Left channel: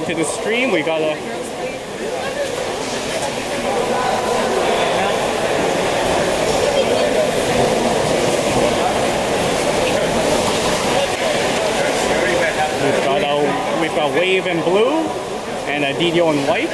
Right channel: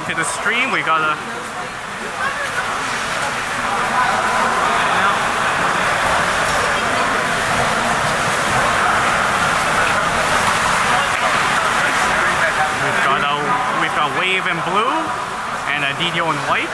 welcome to the stream. We got a we've got Wave in blue and a DDO in white.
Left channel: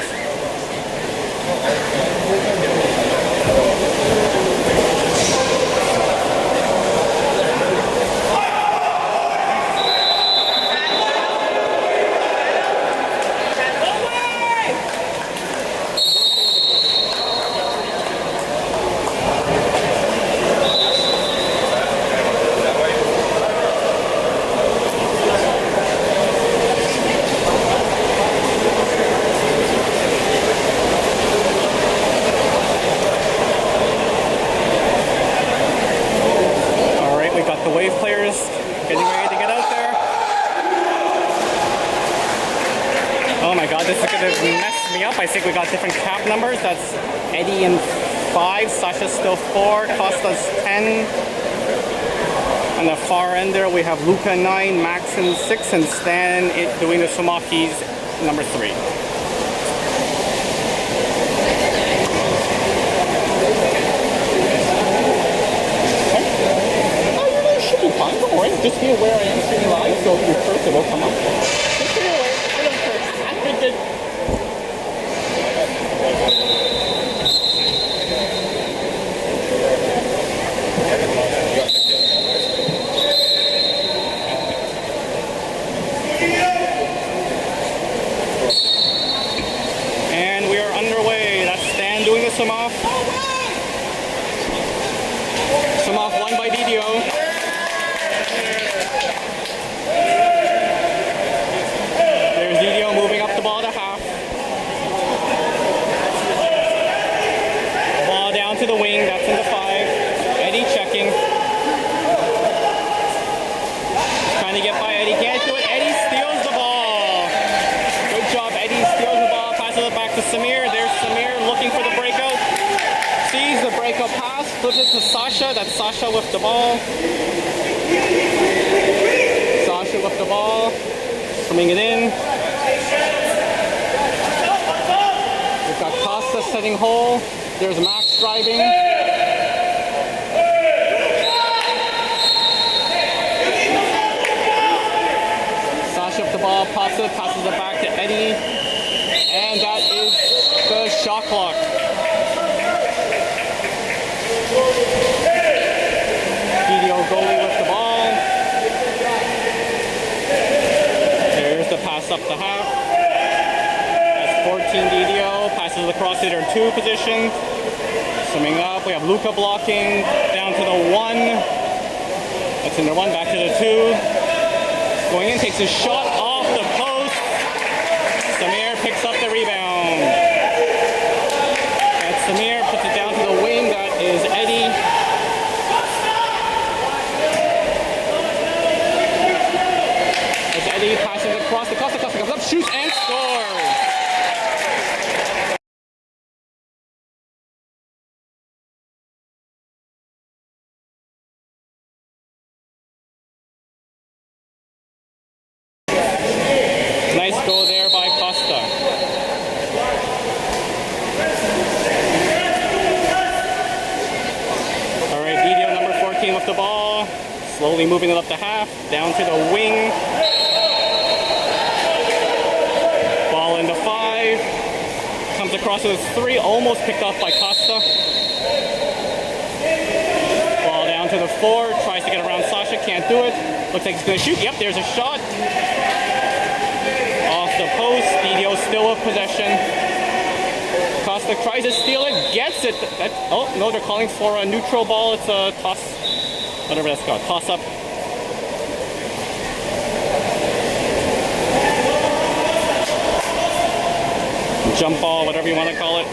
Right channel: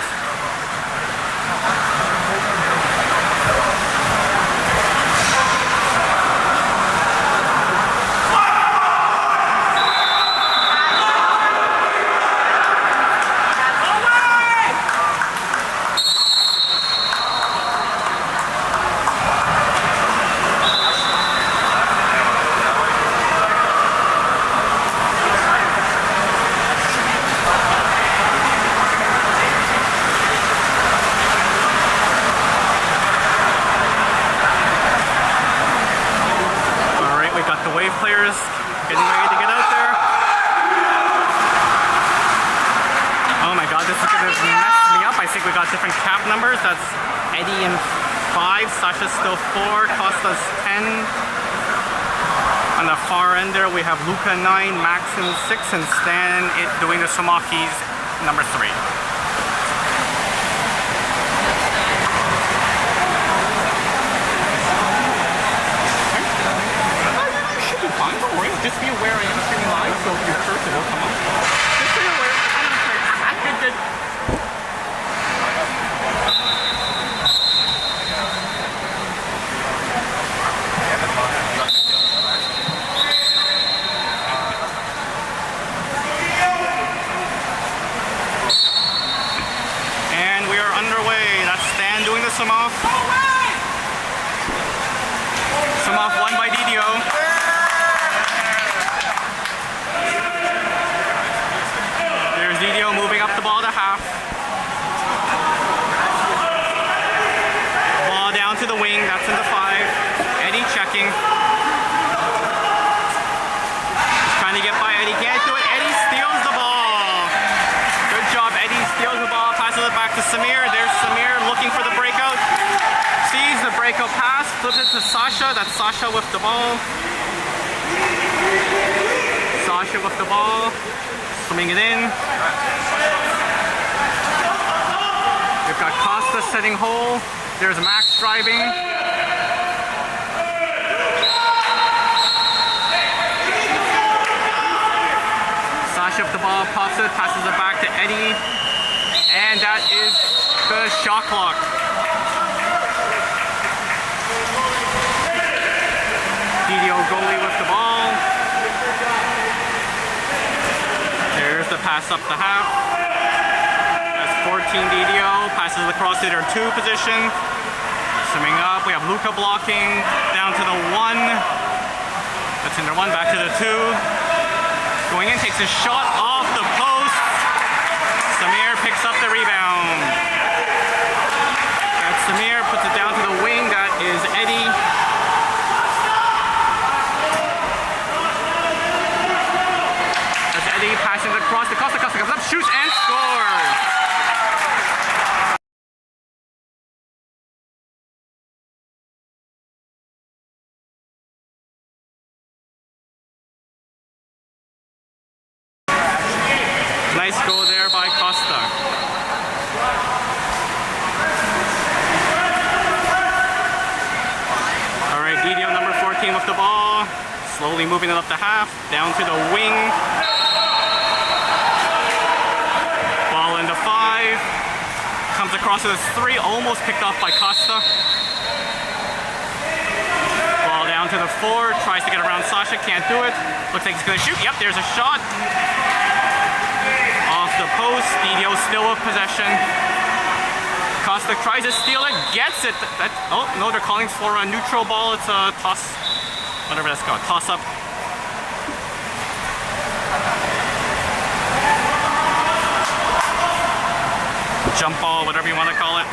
We got the Wave players getting ready to get out there. Oh my god, this is going to mess me up. I think we got different cap numbers. That's Eddie in 5, Sasha still 4, Costa's 10. On the far end there we have Luca 9, Max in 6, and Stan doing the swim-off. He's number 3. Just be aware I am streaming live, so if you curse, it'll come up. Just be aware, I don't curse. And we are underway. That's Stan doing the swim-off. Swim-off won by DDO. There's DDO moving up the ball to half. Ball down to the wing, that's in the 5. Eddie checking. Trying to get by Eddie, can't do it. Eddie steals the ball. Good job, Eddie steals the ball, passes it back to Samir. There's Samir looking for the breakout. Sees the breakout pass, flips it to Sasha. That's Sasha with the ball. Sasha with the ball. Swimming it in. We've got Costa setting hole. There's Max driving. Sasha with the ball, pops it, passes it back to Eddie. And that is the shot clock. DDO goalie with the ball. There's the pass up the half. That's 14 DDO. Passes across to their 2 position. Summing up, we have Luca blocking down to the 1. That's in their 1, back to the 2. Going in, takes a shot off the post. Samir picks up the rebound. That's Samir, puts it down to the wing. That is Eddie. As Eddie passes across the Costa comes up, shoots and scores! Nice goal there by Costa. Alright, DDO number 14 with the ball. Slowly moving it up the half, down to the wing. Ball into 5. Comes across to the 3, almost picked off by Costa. Ball down to the 4, tries to get around Sasha, can't do it. Looks like he's going to shoot. Yep, there's a shot. Off the post, DDO still with possession. Costa tries to steal it, gets it. Oh, no, they're calling for a neutral ball. It's a toss, whatever that's called, toss up. Jump ball, whatever you want to call it.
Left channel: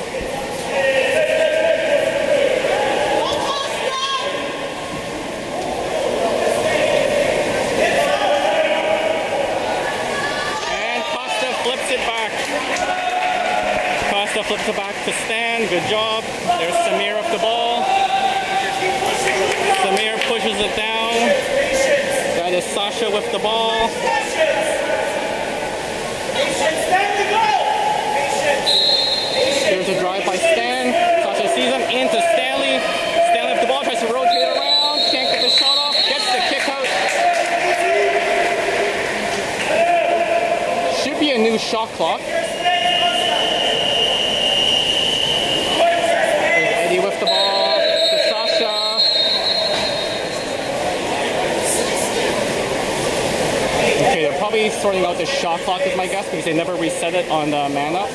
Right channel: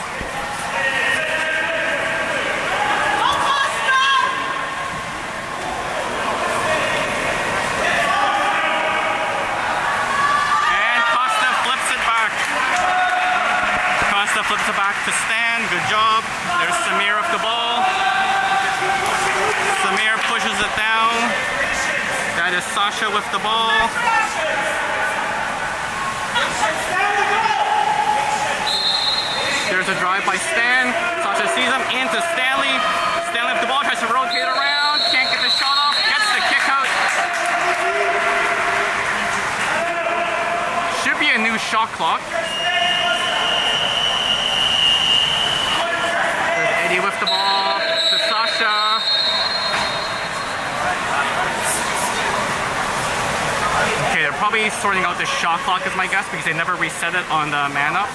And Costa flips it back. Costa flips it back to Stan. Good job. There's Samir up the ball. Samir pushes it down. That is Sasha with the ball. There's a drive by Stan. Sasha sees him into Stanley. Stanley with the ball, tries to rotate around. Can't get the shot off. Gets the kick out. Should be a new shot clock. There's Eddie with the ball to Sasha. Okay, they're probably sorting out the shot clock is my guess because they never reset it on the man up.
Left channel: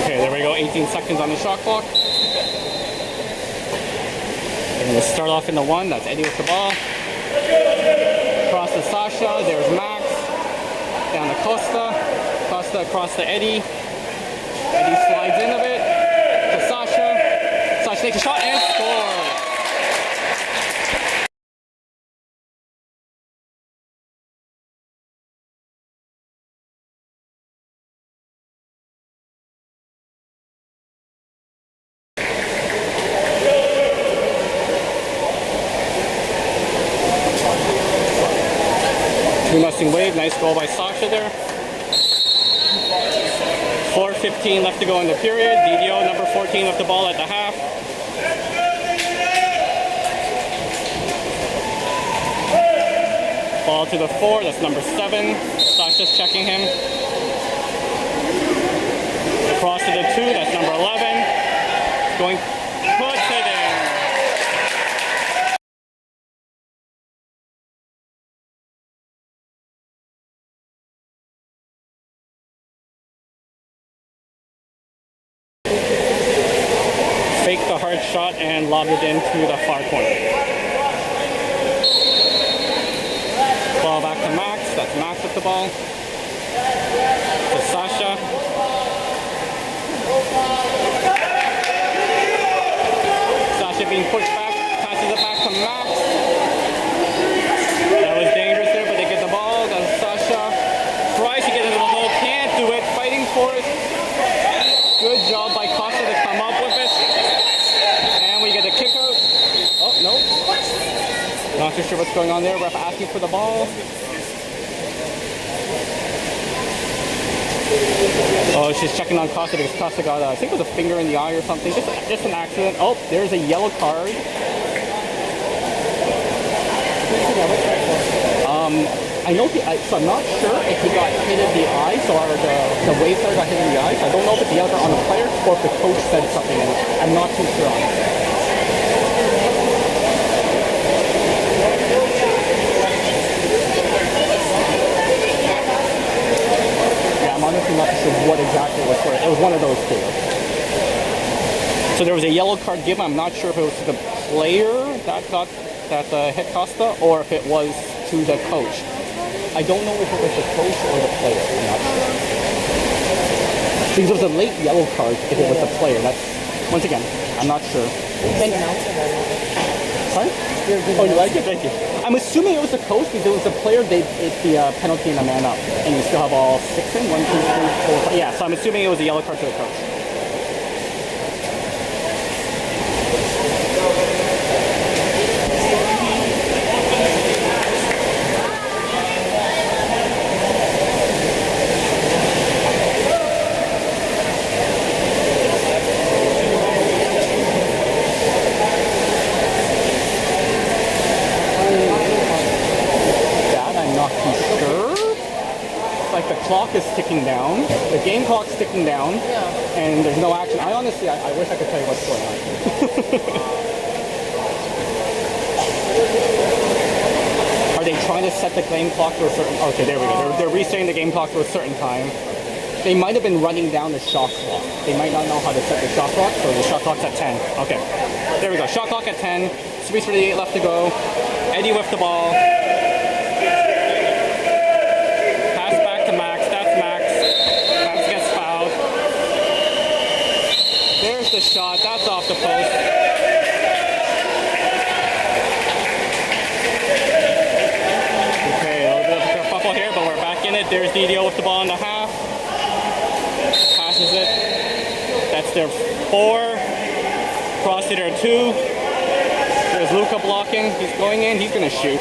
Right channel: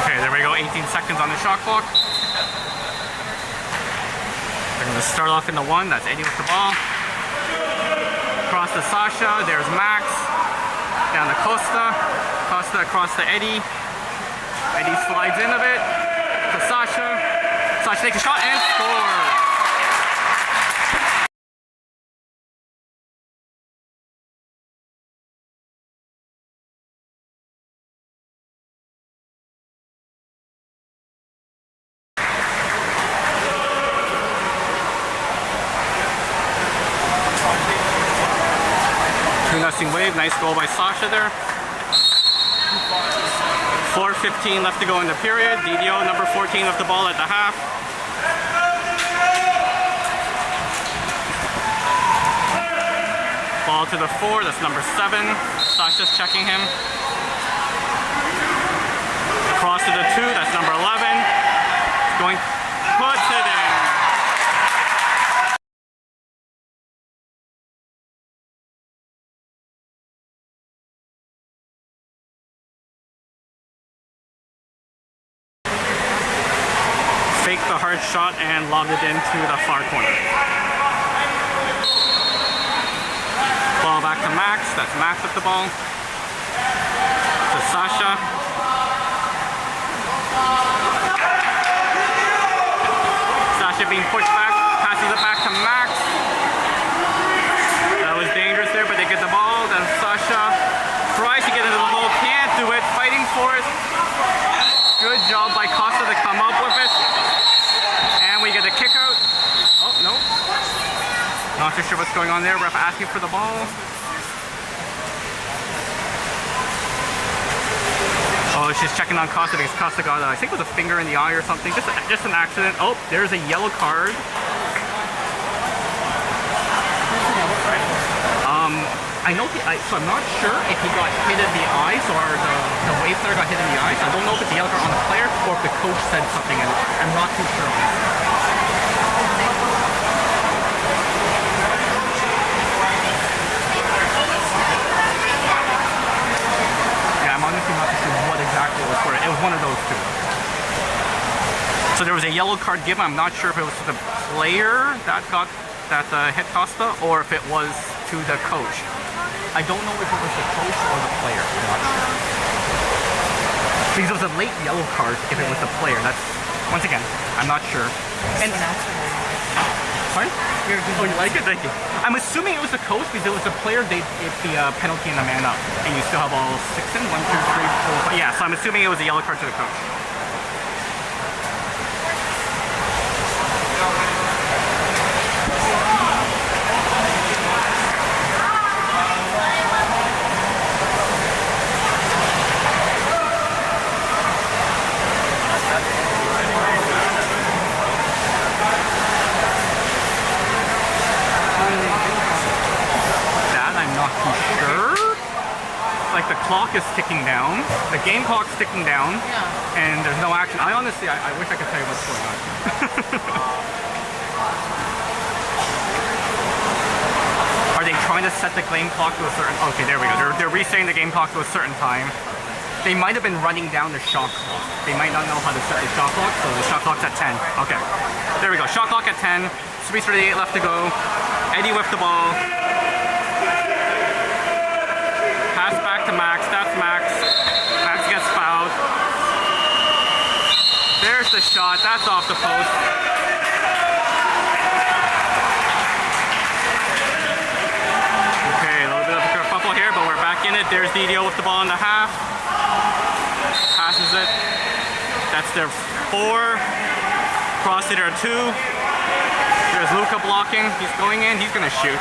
Okay, there we go, 18 seconds on the shot clock. They're going to start off in the one, that's Eddie with the ball. Across to Sasha, there's Max. Down to Costa. Costa across to Eddie. Eddie slides in a bit to Sasha. Sasha takes a shot and scores. Nothing wave, nice goal by Sasha there. 4:15 left to go in the period. DDO number 14 with the ball at the half. Ball to the 4, that's number 7. Sasha's checking him. Across to the 2, that's number 11. Going, puts it in. Faked the hard shot and lobbed it into the far corner. Ball back to Max. That's Max with the ball. To Sasha. Sasha being pushed back. Passes it back to Max. That was dangerous there, but they get the ball. That's Sasha. Tries to get into the hole. Can't do it. Fighting for it. Good job by Costa to come up with it. And we get a kick out. Oh, no. Not too sure what's going on there. Ref asking for the ball. Oh, she's checking on Costa because Costa got, I think it was a finger in the eye or something. Just an accident. Oh, there's a yellow card. I know so I'm not sure if he got hit in the eye, so the wave player got hit in the eye, so I don't know if it's the yellow card on the player or if the coach said something, and I'm not too sure on it. Yeah, I'm honestly not too sure what exactly it was for. It was one of those two. So there was a yellow card given. I'm not sure if it was the player that hit Costa or if it was to the coach. I don't know if it was the coach or the player. I'm not sure. Because it was a late yellow card if it was the player. That's, once again, I'm not sure. And, pardon? Oh, you like it? Thank you. I'm assuming it was the coach because it was the player, it's the penalty and a man up. And you still have all 6 in? 1, 2, 3, 4, 5. Yeah, so I'm assuming it was a yellow card to the coach. Like the clock is ticking down, the game clock's ticking down, and there's no action. I honestly, I wish I could tell you what's going on. Are they trying to set the game clock to a certain? Okay, there we go. They're resetting the game clock to a certain time. They might have been running down the shot clock. They might not know how to set the shot clock, so the shot clock's at 10. Okay, there we go. Shot clock at 10. 3:38 left to go. Eddie with the ball. There's the shot. That's off the post. it. There's DDO with the ball in the half. Passes it. That's their 4. Cross it or 2. There's Luka blocking. He's going in. He's going to shoot.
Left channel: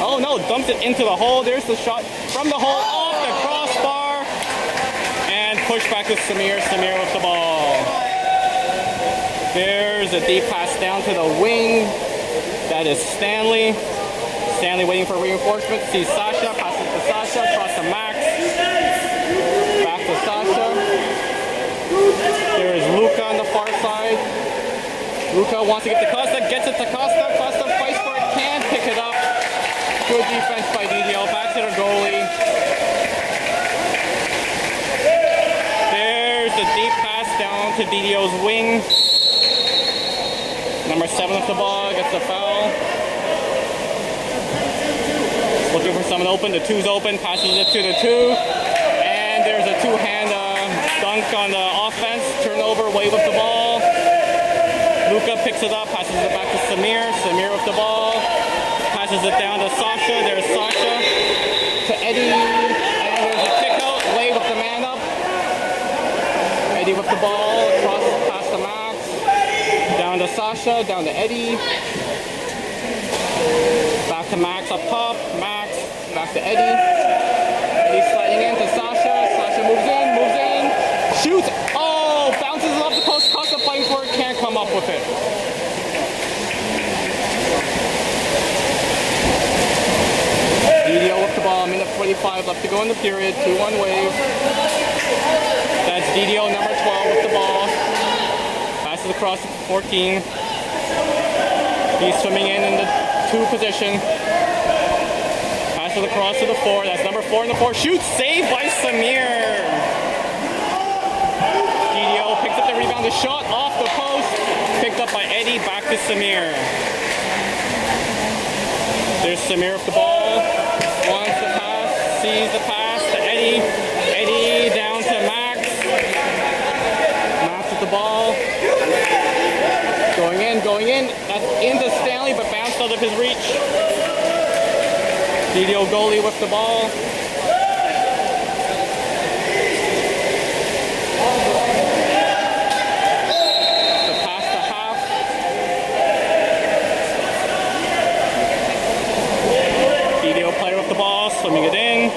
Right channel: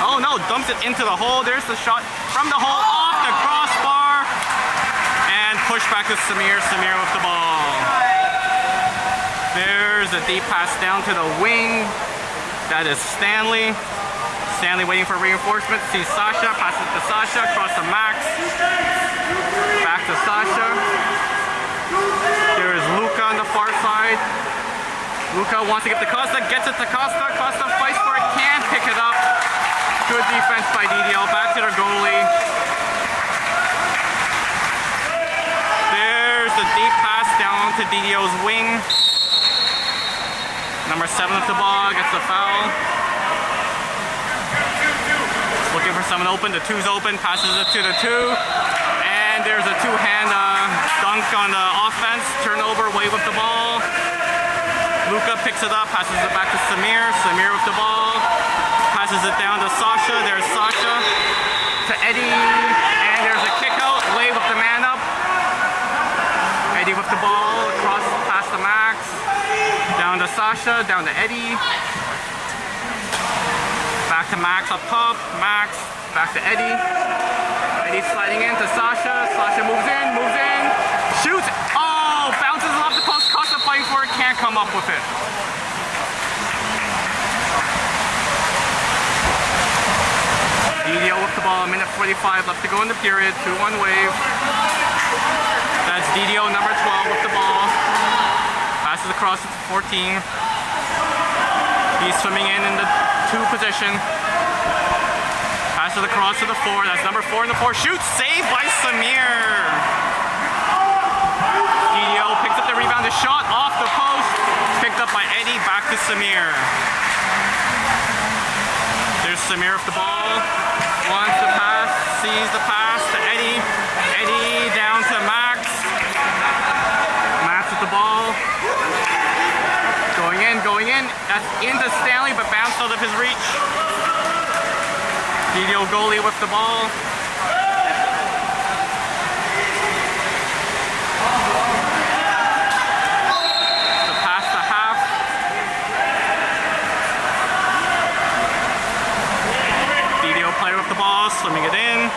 Oh no, dumped it into the hole. There's the shot from the hole off the crossbar. And push back to Samir. Samir with the ball. There's a deep pass down to the wing. That is Stanley. Stanley waiting for reinforcements. Sees Sasha. Passes to Sasha. Cross to Max. Back to Sasha. There is Luka on the far side. Luka wants to get to Costa. Gets it to Costa. Costa fights for it. Can't pick it up. Good defense by DDO. Back to the goalie. There's a deep pass down to DDO's wing. Number 7 with the ball. Gets the foul. Looking for someone open. The 2's open. Passes it to the 2. And there's a 2-hand dunk on the offense. Turnover. Away with the ball. Luka picks it up. Passes it back to Samir. Samir with the ball. Passes it down to Sasha. There's Sasha. To Eddie. And there's a kick out. Away with the man up. Eddie with the ball. Across past the Max. Down to Sasha. Down to Eddie. Back to Max up top. Max. Back to Eddie. Eddie sliding in to Sasha. Sasha moves in. Moves in. Shoots. Oh! Bounces it off the post. Costa fighting for it. Can't come up with it. DDO with the ball. Minute 45 left to go in the period. 2-1 wave. That's DDO number 12 with the ball. Passes across to 14. He's swimming in the 2 position. Passes across to the 4. That's number 4 in the 4. Shoots. Saved by Samir. DDO picks up the rebound. The shot off the post. Picked up by Eddie. Back to Samir. There's Samir with the ball. Wants the pass. Sees the pass to Eddie. Eddie down to Max. Max with the ball. Going in, going in. That's into Stanley, but bounced out of his reach. DDO goalie with the ball. The pass to half. DDO player with the ball, swimming it in.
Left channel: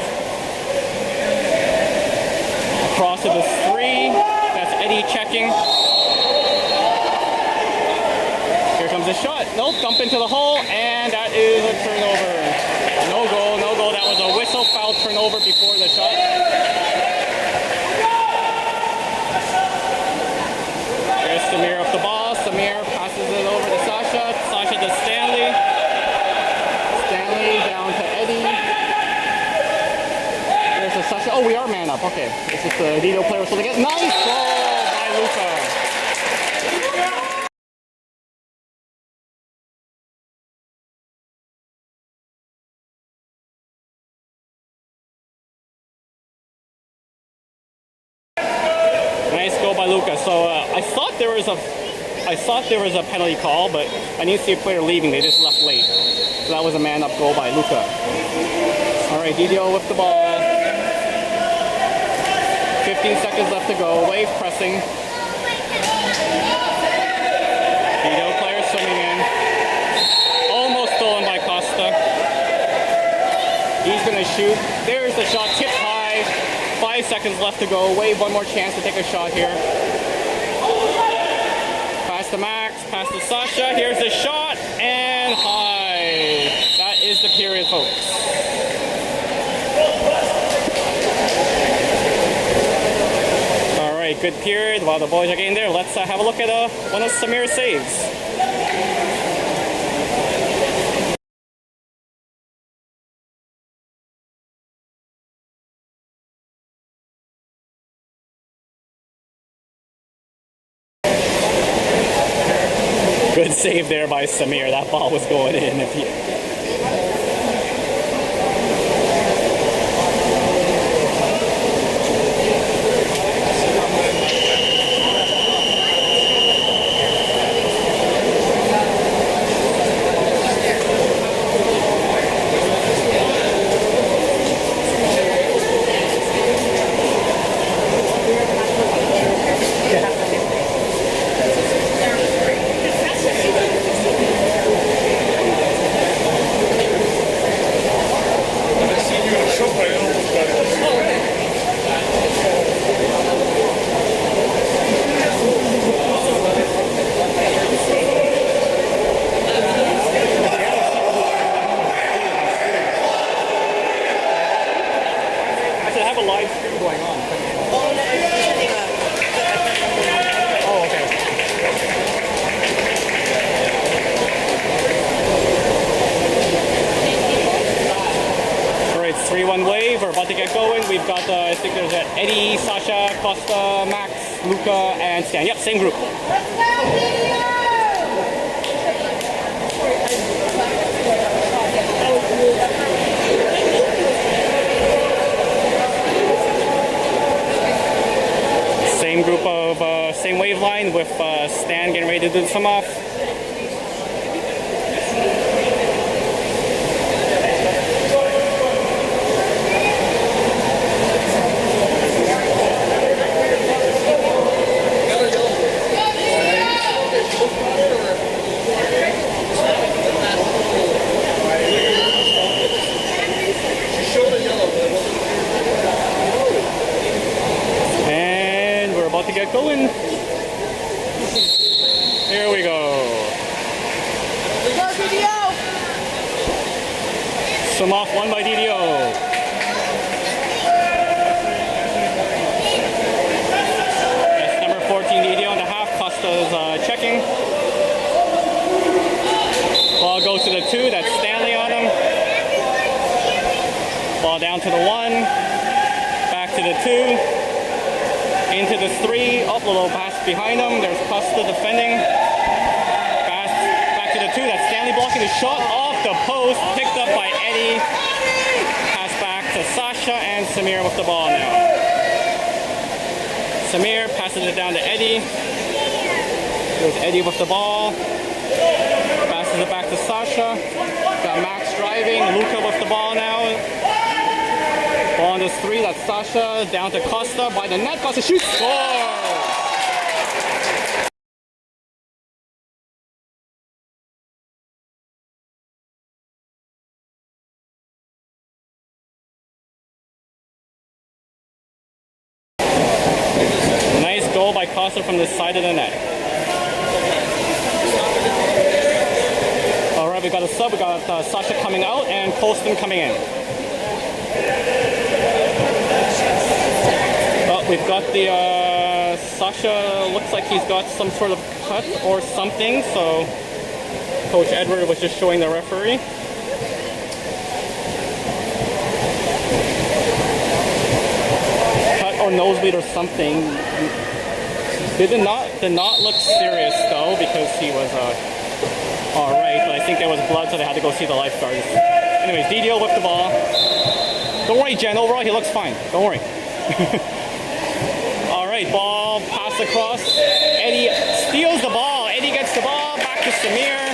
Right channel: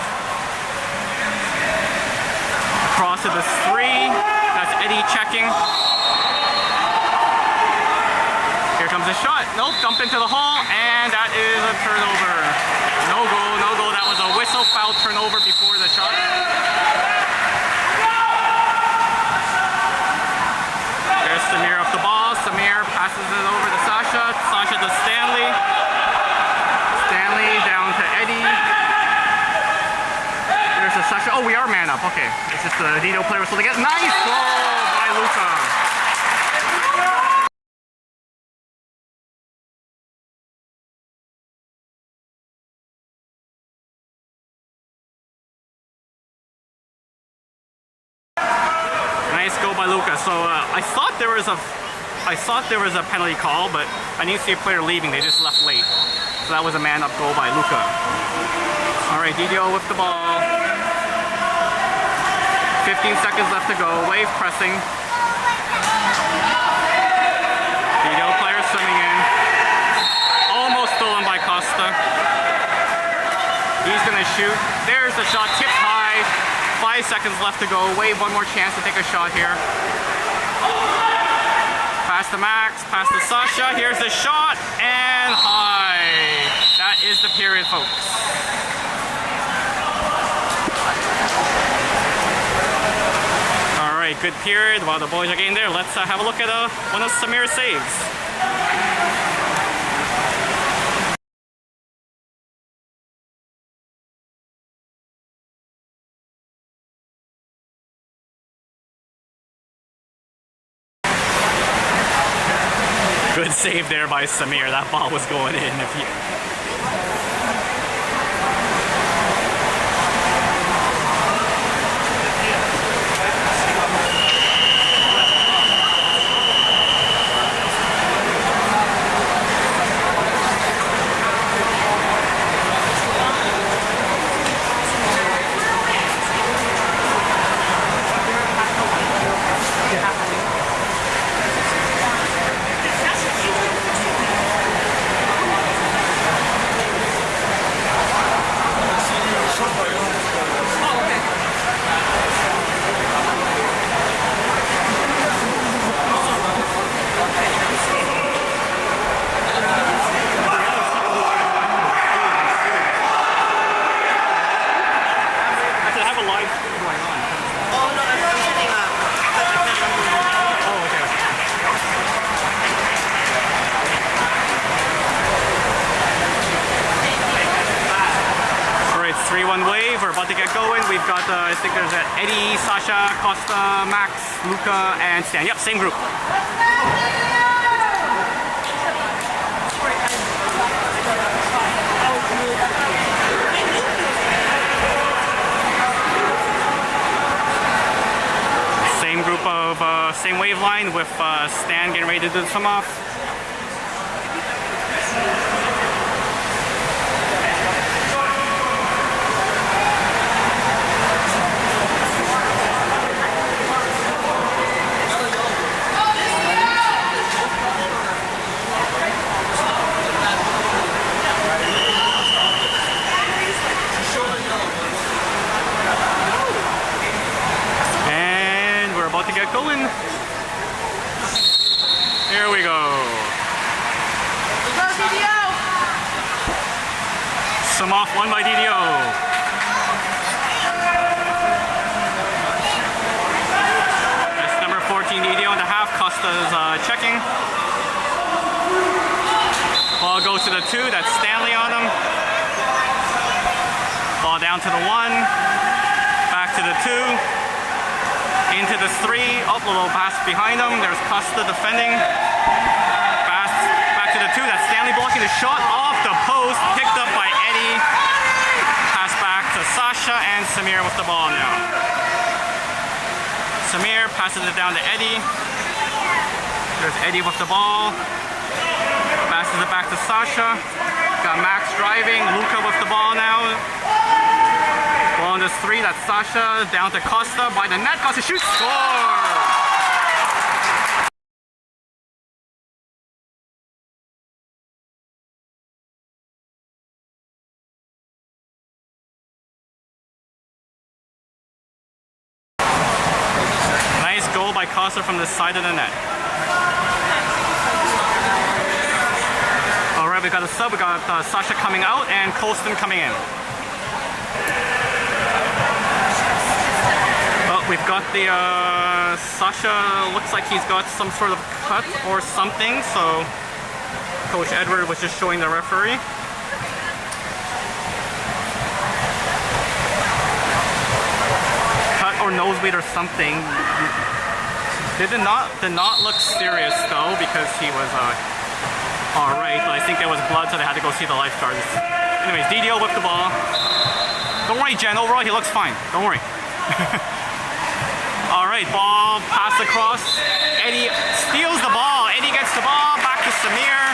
Across to the 3. That's Eddie checking. Here comes a shot. Nope, dump into the hole, and that is a turnover. No goal, no goal. That was a whistle foul turnover before the shot. There's Samir with the ball. Samir passes it over to Sasha. Sasha to Stanley. Stanley down to Eddie. There's a Sasha. Oh, we are man up. Okay. It's just the DDO player was supposed to get. Nice goal by Luka. Nice goal by Luka. So I thought there was a penalty call, but I didn't see a player leaving. They just left late. So that was a man-up goal by Luka. All right, DDO with the ball. 15 seconds left to go. Wave pressing. DDO player swimming in. Almost stolen by Costa. He's gonna shoot. There's the shot. Tipped high. 5 seconds left to go. Wave one more chance to take a shot here. Pass to Max, pass to Sasha. Here's the shot, and high. That is the period, folks. All right, good period. While the boys are getting there, let's have a look at one of Samir's saves. Good save there by Samir. That ball was going in. If you... have a live stream going on. Oh no, I'm sending a. I can't remember when you. Oh, okay. Alright, it's 3-1 wave. We're about to get going. We've got, I think there's Eddie, Sasha, Costa, Max, Luca, and Stan. Yep, same group. Same group of, same wave line with Stan getting ready to do some off. To get going. Here we go. Some off one by DDO. That's number 14 DDO in the half. Costa's checking. Ball goes to the 2. That's Stanley on him. Ball down to the 1. Back to the 2. Into the 3, up a little pass behind him. There's Costa defending. Pass back to the 2. That's Stanley blocking the shot off the post. Picked up by Eddie. Pass back to Sasha and Samir with the ball now. Samir passes it down to Eddie. There's Eddie with the ball. Passes it back to Sasha. Got Max driving. Luca with the ball now. Ball on this 3, that's Sasha, down to Costa, by the net, Costa shoots, score! Nice goal by Costa from the side of the net. Alright, we got a sub, we got Sasha coming out and Colston coming in. We've got the, Sasha looks like he's got some sort of cut or something, so Coach Edward was just showing the referee. Cut or nosebleed or something. Did not look serious though, because he was, alright, but I think there was blood, so they had to go see the lifeguards. Anyways, DDO with the ball. Don't worry, Jen, overall he looks fine. Don't worry. Alright, ball passed across. Eddie steals the ball. Eddie gets the ball. Back to Samir.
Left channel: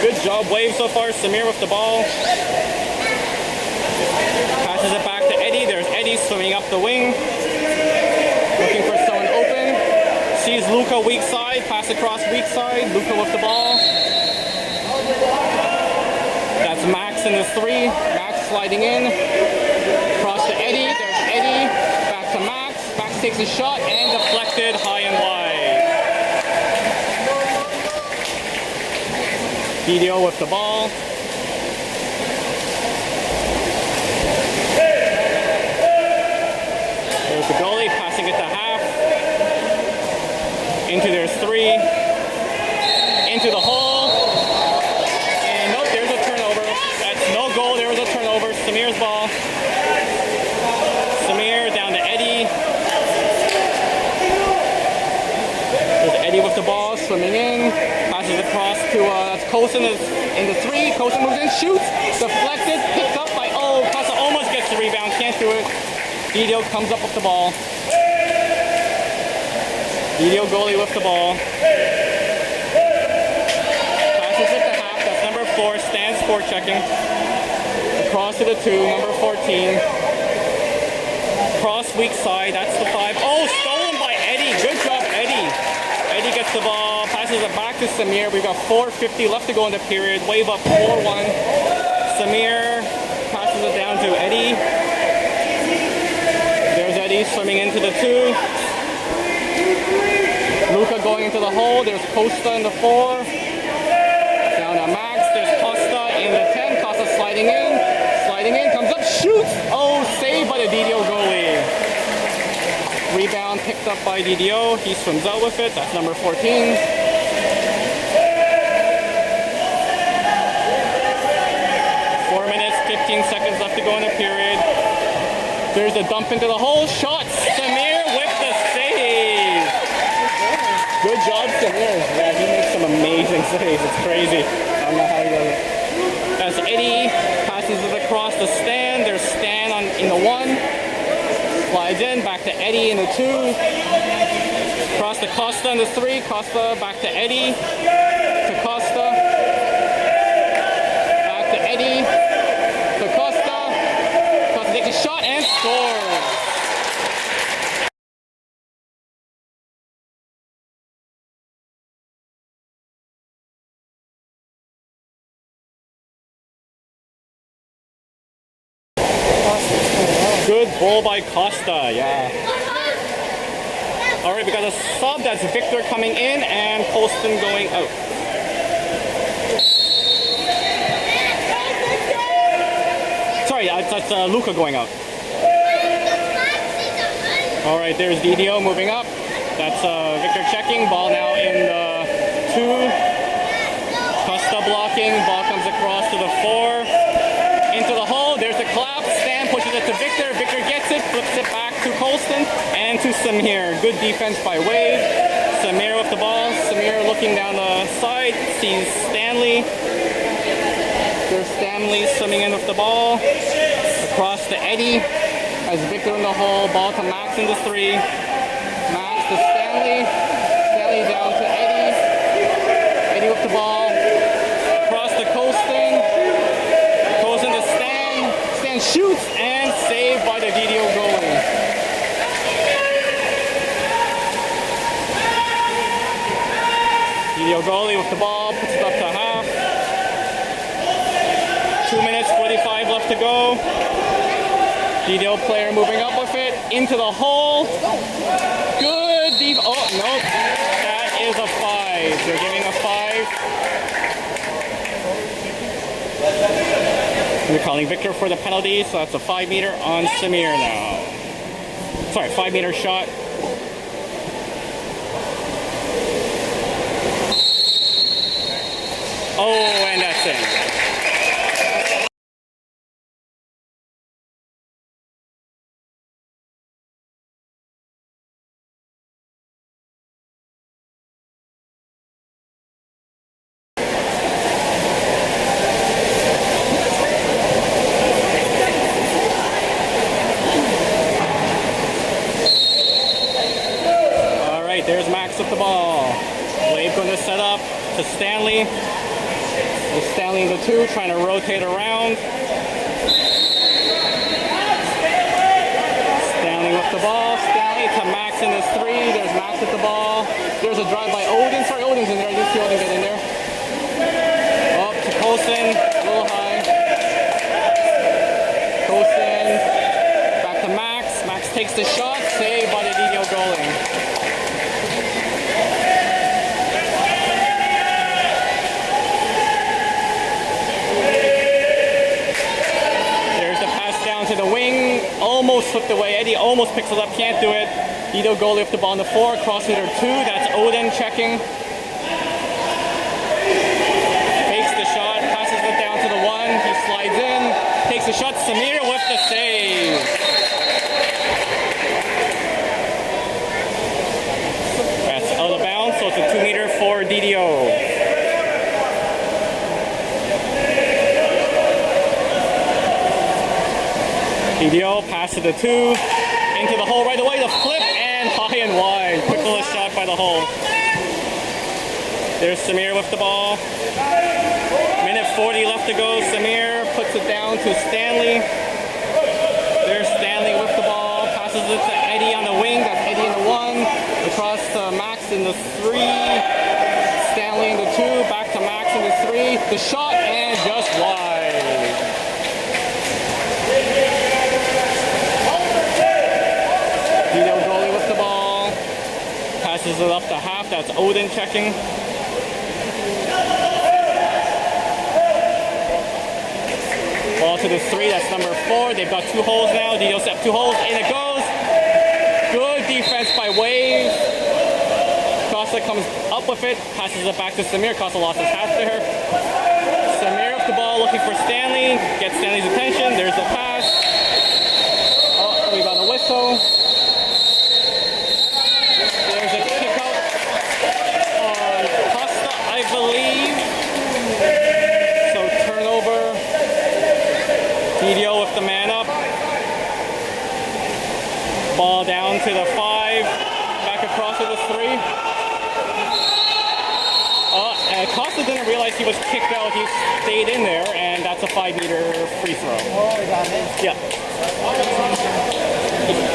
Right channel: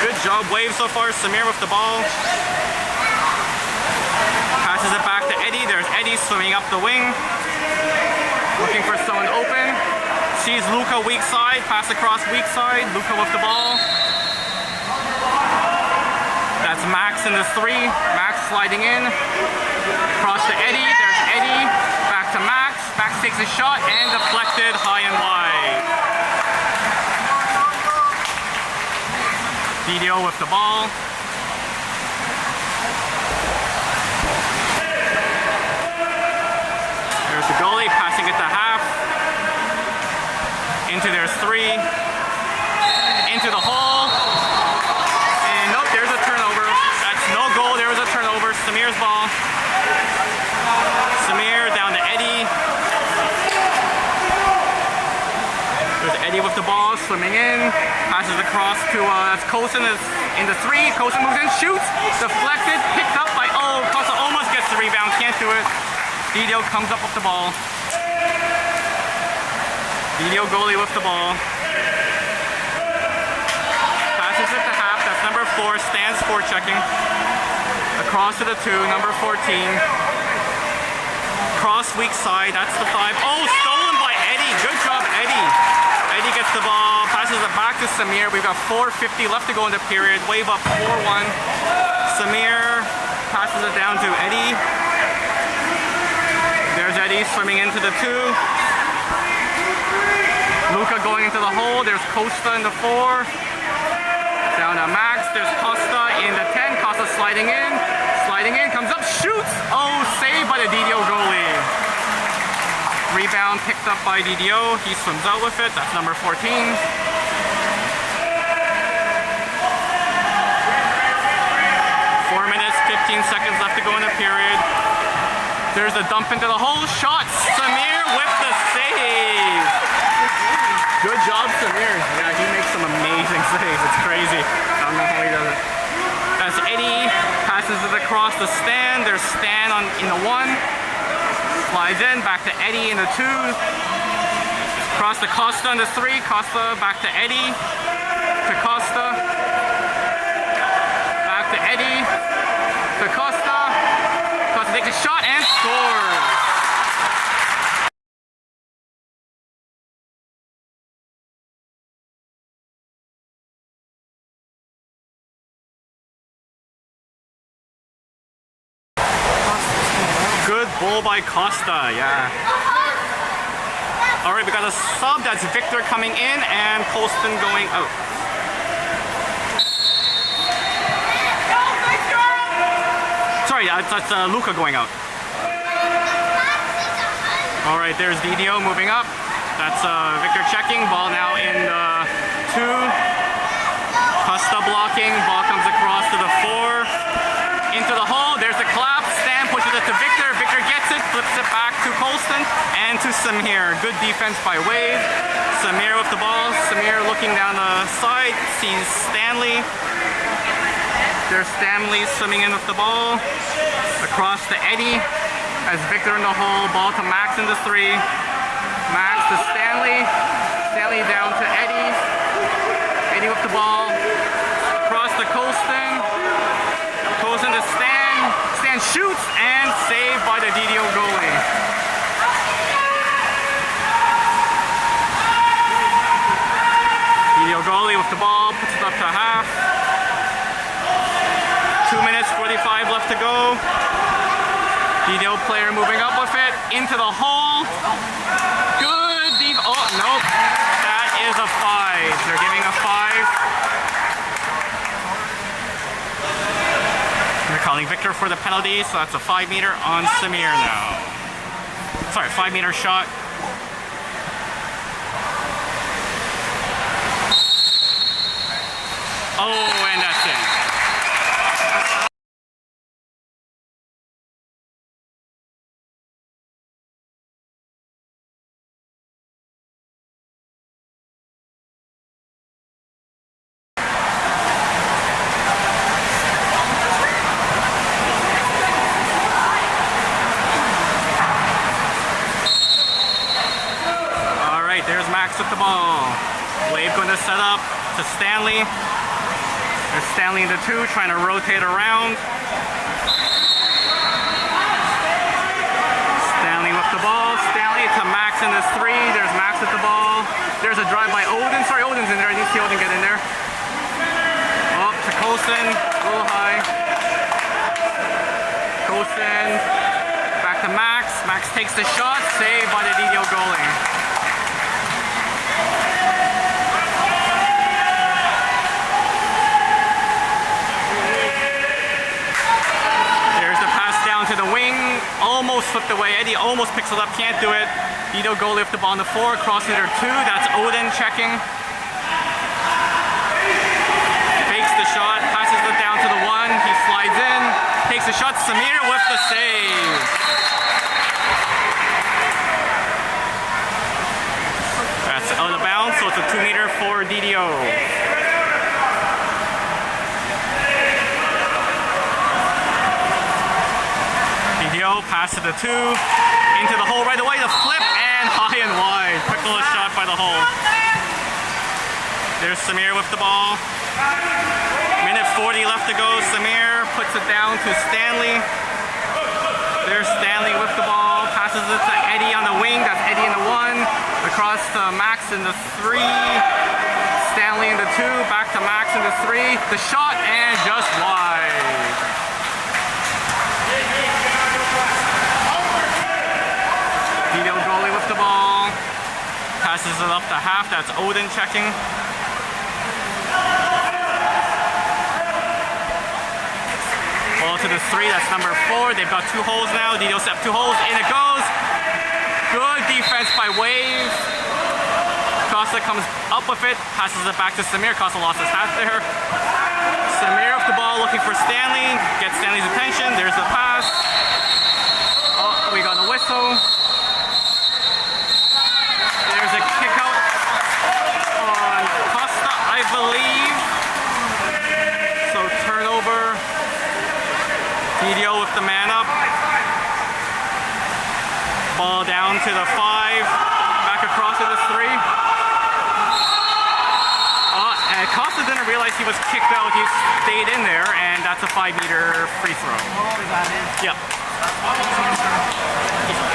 Good job, wave so far. Samir with the ball. Passes it back to Eddie. There's Eddie swimming up the wing. Looking for someone open. Sees Luca weak side. Pass across weak side. Luca with the ball. That's Max in the 3. Max sliding in. Cross to Eddie. There's Eddie. Back to Max. Max takes a shot and deflected high and wide. DDO with the ball. There's the goalie passing it to half. Into their 3. Into the hole. And nope, there's a turnover. That's no goal. There was a turnover. Samir's ball. Samir down to Eddie. There's Eddie with the ball, swimming in. Passes across to that's Colson is in the 3. Colson moves in, shoots, deflected, picked up by Costa almost gets the rebound, can't do it. DDO comes up with the ball. DDO goalie with the ball. Passes it to half. That's number 4. Stands for checking. Across to the 2. Number 14. Cross weak side. That's the 5. Oh, stolen by Eddie. Good job, Eddie. Eddie gets the ball. Passes it back to Samir. We've got 4:50 left to go in the period. Wave up 4-1. Samir passes it down to Eddie. There's Eddie swimming into the 2. Luca going into the hole. There's Costa in the 4. Down to Max. There's Costa in the 10. Costa sliding in. Sliding in. Comes up. Shoots. Oh, saved by the DDO goalie. Rebound picked up by DDO. He swims out with it. That's number 14. 4 minutes, 15 seconds left to go in the period. There's a dump into the hole. Shot. Samir with the save. Good job, Samir. Yeah, he makes some amazing saves. It's crazy. I don't know how he does it. As Eddie passes it across the stand. There's Stan in the 1. Slides in. Back to Eddie in the 2. Across to Costa in the 3. Costa back to Eddie. To Costa. Back to Eddie. To Costa. Costa takes a shot and scores. Good goal by Costa, yeah. Alright, we got a sub. That's Victor coming in and Colston going out. Sorry, that's Luca going out. Alright, there's DDO moving up. That's Victor checking. Ball now in the 2. Costa blocking. Ball comes across to the 4. Into the hole. There's a collapse. Stan pushes it to Victor. Victor gets it. Flips it back to Colston and to Samir. Good defense by Wade. Samir with the ball. Samir looking down the side. Sees Stanley. There's Stanley swimming in with the ball. Across to Eddie. As Victor in the hole. Ball to Max in the 3. Max to Stanley. Stanley down to Eddie. Eddie with the ball. Across to Colston. Colston to Stan. Stan shoots and saved by the DDO goalie. DDO goalie with the ball. Puts it up to half. 2 minutes, 45 left to go. DDO player moving up with it. Into the hole. Good. Oh, nope. That is a 5. They're giving a 5. We're calling Victor for the penalty, so that's a 5-meter on Samir now. Sorry, 5-meter shot. Oh, and that's in. There's Max with the ball. Wade going to set up to Stanley. There's Stanley in the 2, trying to rotate around. Stanley with the ball. Stanley to Max in this 3. There's Max with the ball. There's a drive by Odin. Sorry, Odin's in there. I didn't see Odin get in there. Up to Colson. A little high. Colson. Back to Max. Max takes the shot. Saved by the DDO goalie. To the wing, almost slipped away. Eddie almost picks it up, can't do it. DDO goalie with the ball on the 4, cross leader 2. That's Odin checking. Fakes the shot, passes it down to the 1. He slides in, takes the shot. Samir with the save. That's out of bounds, so it's a 2-meter for DDO. DDO pass to the 2, into the hole right away, the flip, and high and wide. Quick little shot by the hole. There's Samir with the ball. Minute 40 left to go. Samir puts it down to Stanley. There's Stanley with the ball. Passes it to Eddie on the wing. That's Eddie in the 1. Across to Max in the 3. Stanley in the 2. Back to Max in the 3. The shot, and just wide. DDO goalie with the ball. Passes it up to half. That's Odin checking. Ball to to the 3, that's number 4. They've got 2 holes now. DDO step 2 holes, in it goes. Good defense by Wave. Costa comes up with it, passes it back to Samir. Costa lost his hat there. Samir off the ball looking for Stanley, gets Stanley's attention. There's the pass. Oh, we got a whistle. There's a kick out on Costa, I believe. So turnover. DDO with the man up. Ball down to the 5. Back across to the 3. And Costa didn't realize he was kicked out. He stayed in there, and that's a 5-meter free throw. Oh, is that it? Yep.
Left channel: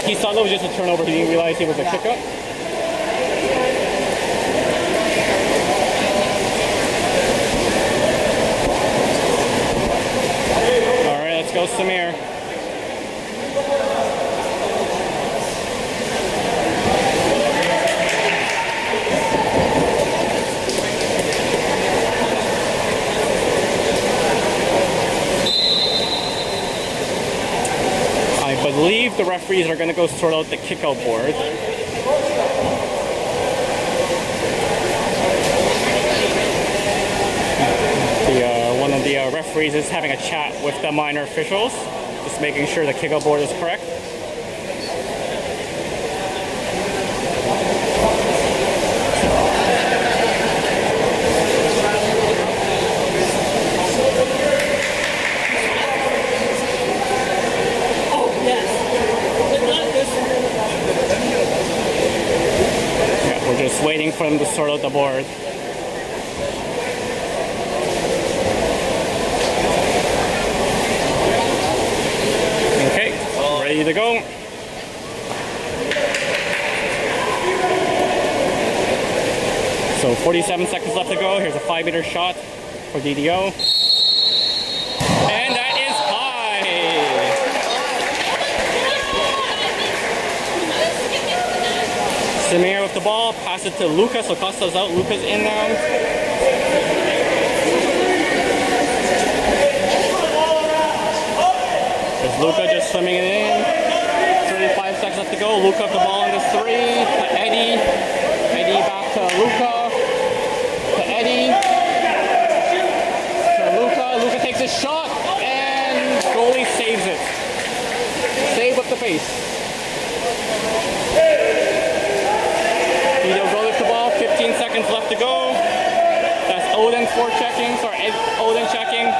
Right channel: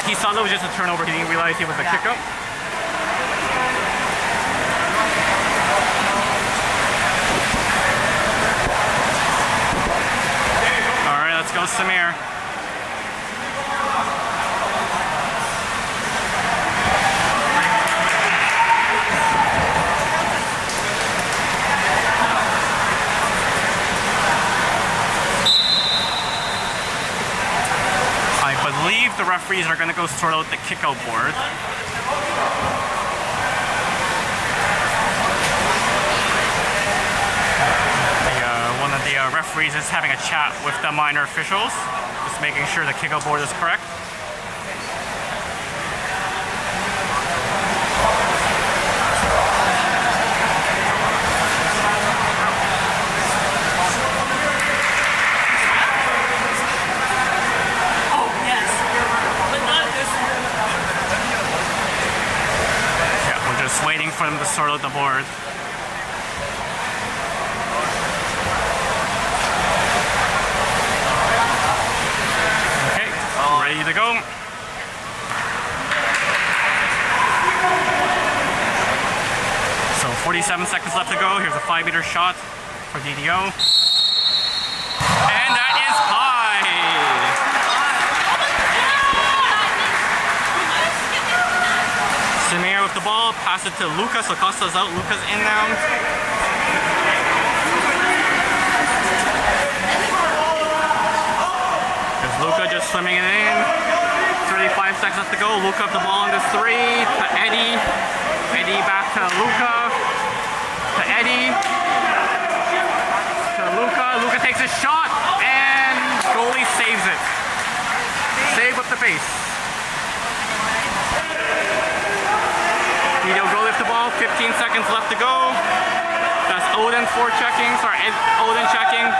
He thought it was just a turnover. He didn't realize it was a kick out. All right, let's go, Samir. I believe the referees are going to go sort out the kickout board. One of the referees is having a chat with the minor officials, just making sure the kickout board is correct. We're just waiting for them to sort out the board. Okay, ready to go. So 47 seconds left to go. Here's a 5-meter shot for DDO. And that is high. Samir with the ball, pass it to Luca, so Costa's out, Luca's in now. There's Luca just swimming it in. 35 seconds left to go. Luca with the ball on the 3 to Eddie. Eddie back to Luca. To Eddie. To Luca. Luca takes a shot and goalie saves it. Save with the face. DDO go lift the ball, 15 seconds left to go. That's Odin forechecking, Odin checking.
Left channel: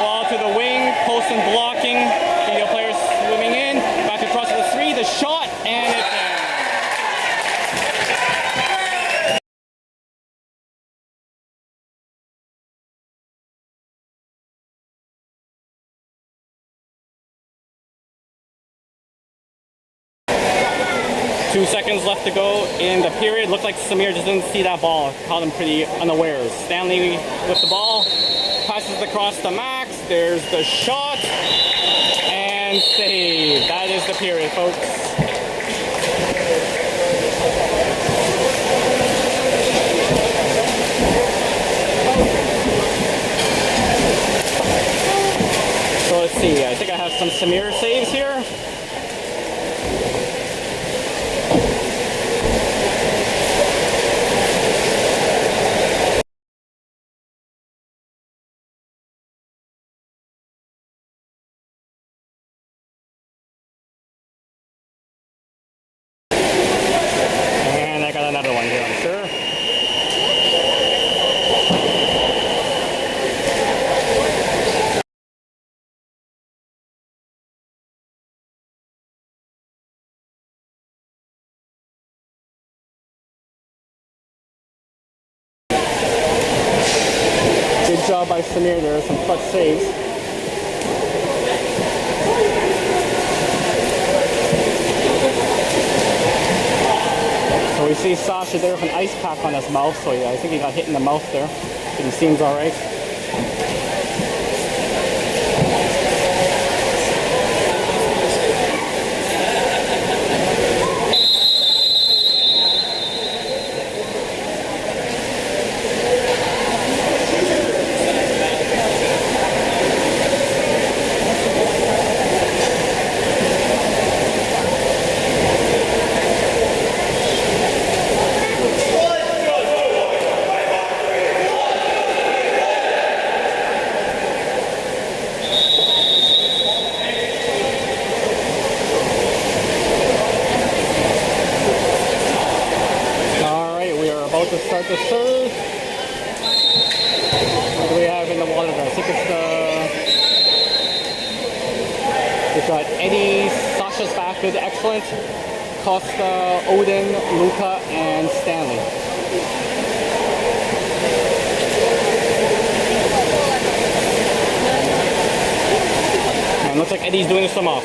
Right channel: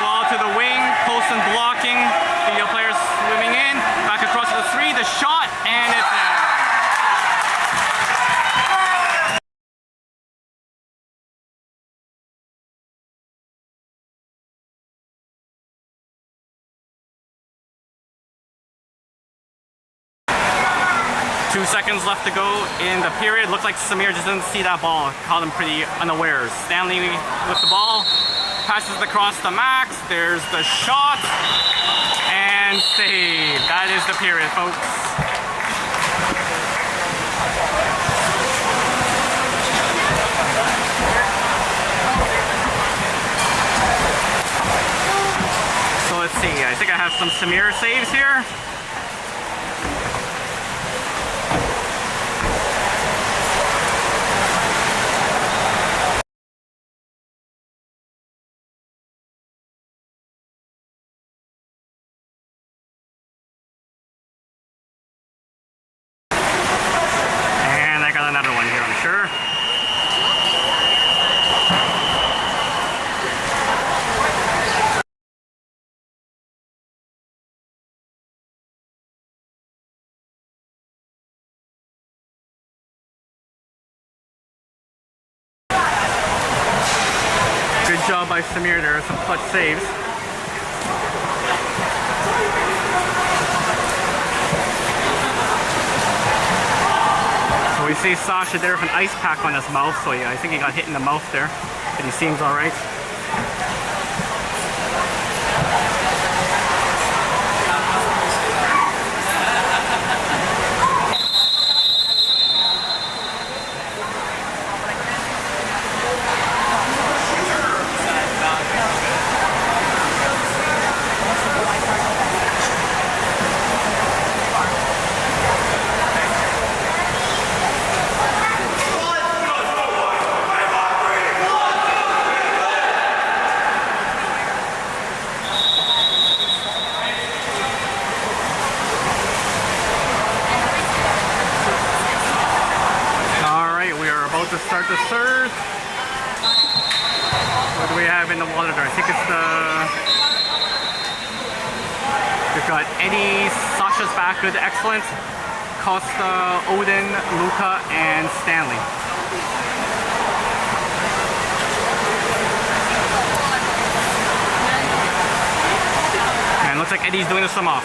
Ball to the wing, post and blocking. DDO players swimming in, back across to the 3, the shot, and it's in. Two seconds left to go in the period. Looked like Samir just didn't see that ball. Caught him pretty unawares. Stanley with the ball. Passes across to Max. There's the shot. And save. That is the period, folks. So let's see. I think I have some Samir saves here. Another one here, I'm sure. Good job by Samir. There are some clutch saves. So we see Sasha there with an ice pack on his mouth, so yeah, I think he got hit in the mouth there, but he seems all right. about to start the serve. What do we have in the water there? I think it's the... We've got Eddie, Sasha's back, good, excellent. Costa, Odin, Luca, and Stanley. And looks like Eddie's doing the swim off.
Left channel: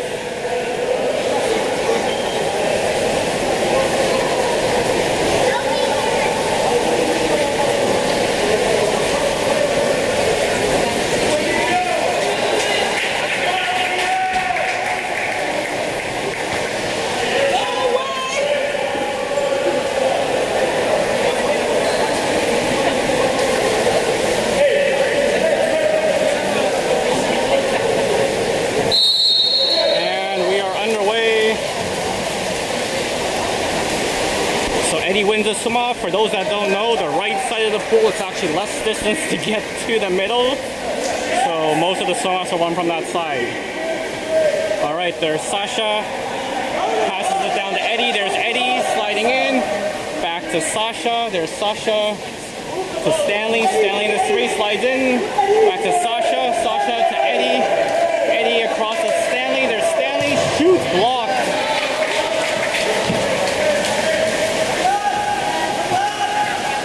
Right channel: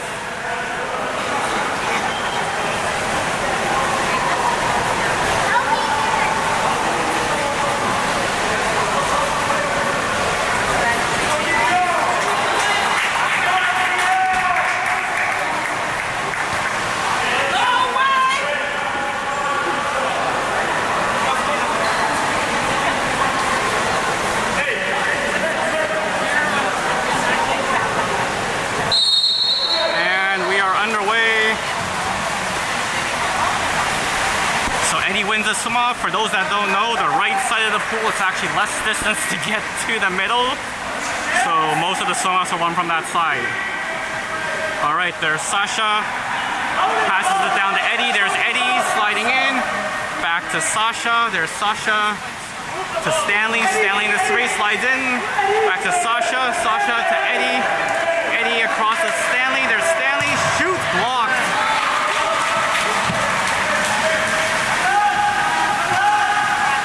Eddie wins the swim off. For those that don't know, the right side of the pool is actually less distance to get to the middle. So most of the swim offs are won from that side. Alright, there's Sasha. Passes it down to Eddie. There's Eddie sliding in. Back to Sasha. There's Sasha to Stanley. Stanley in the 3 slides in. Back to Sasha. Sasha to Eddie. Eddie across to Stanley. There's Stanley. Shoot, block.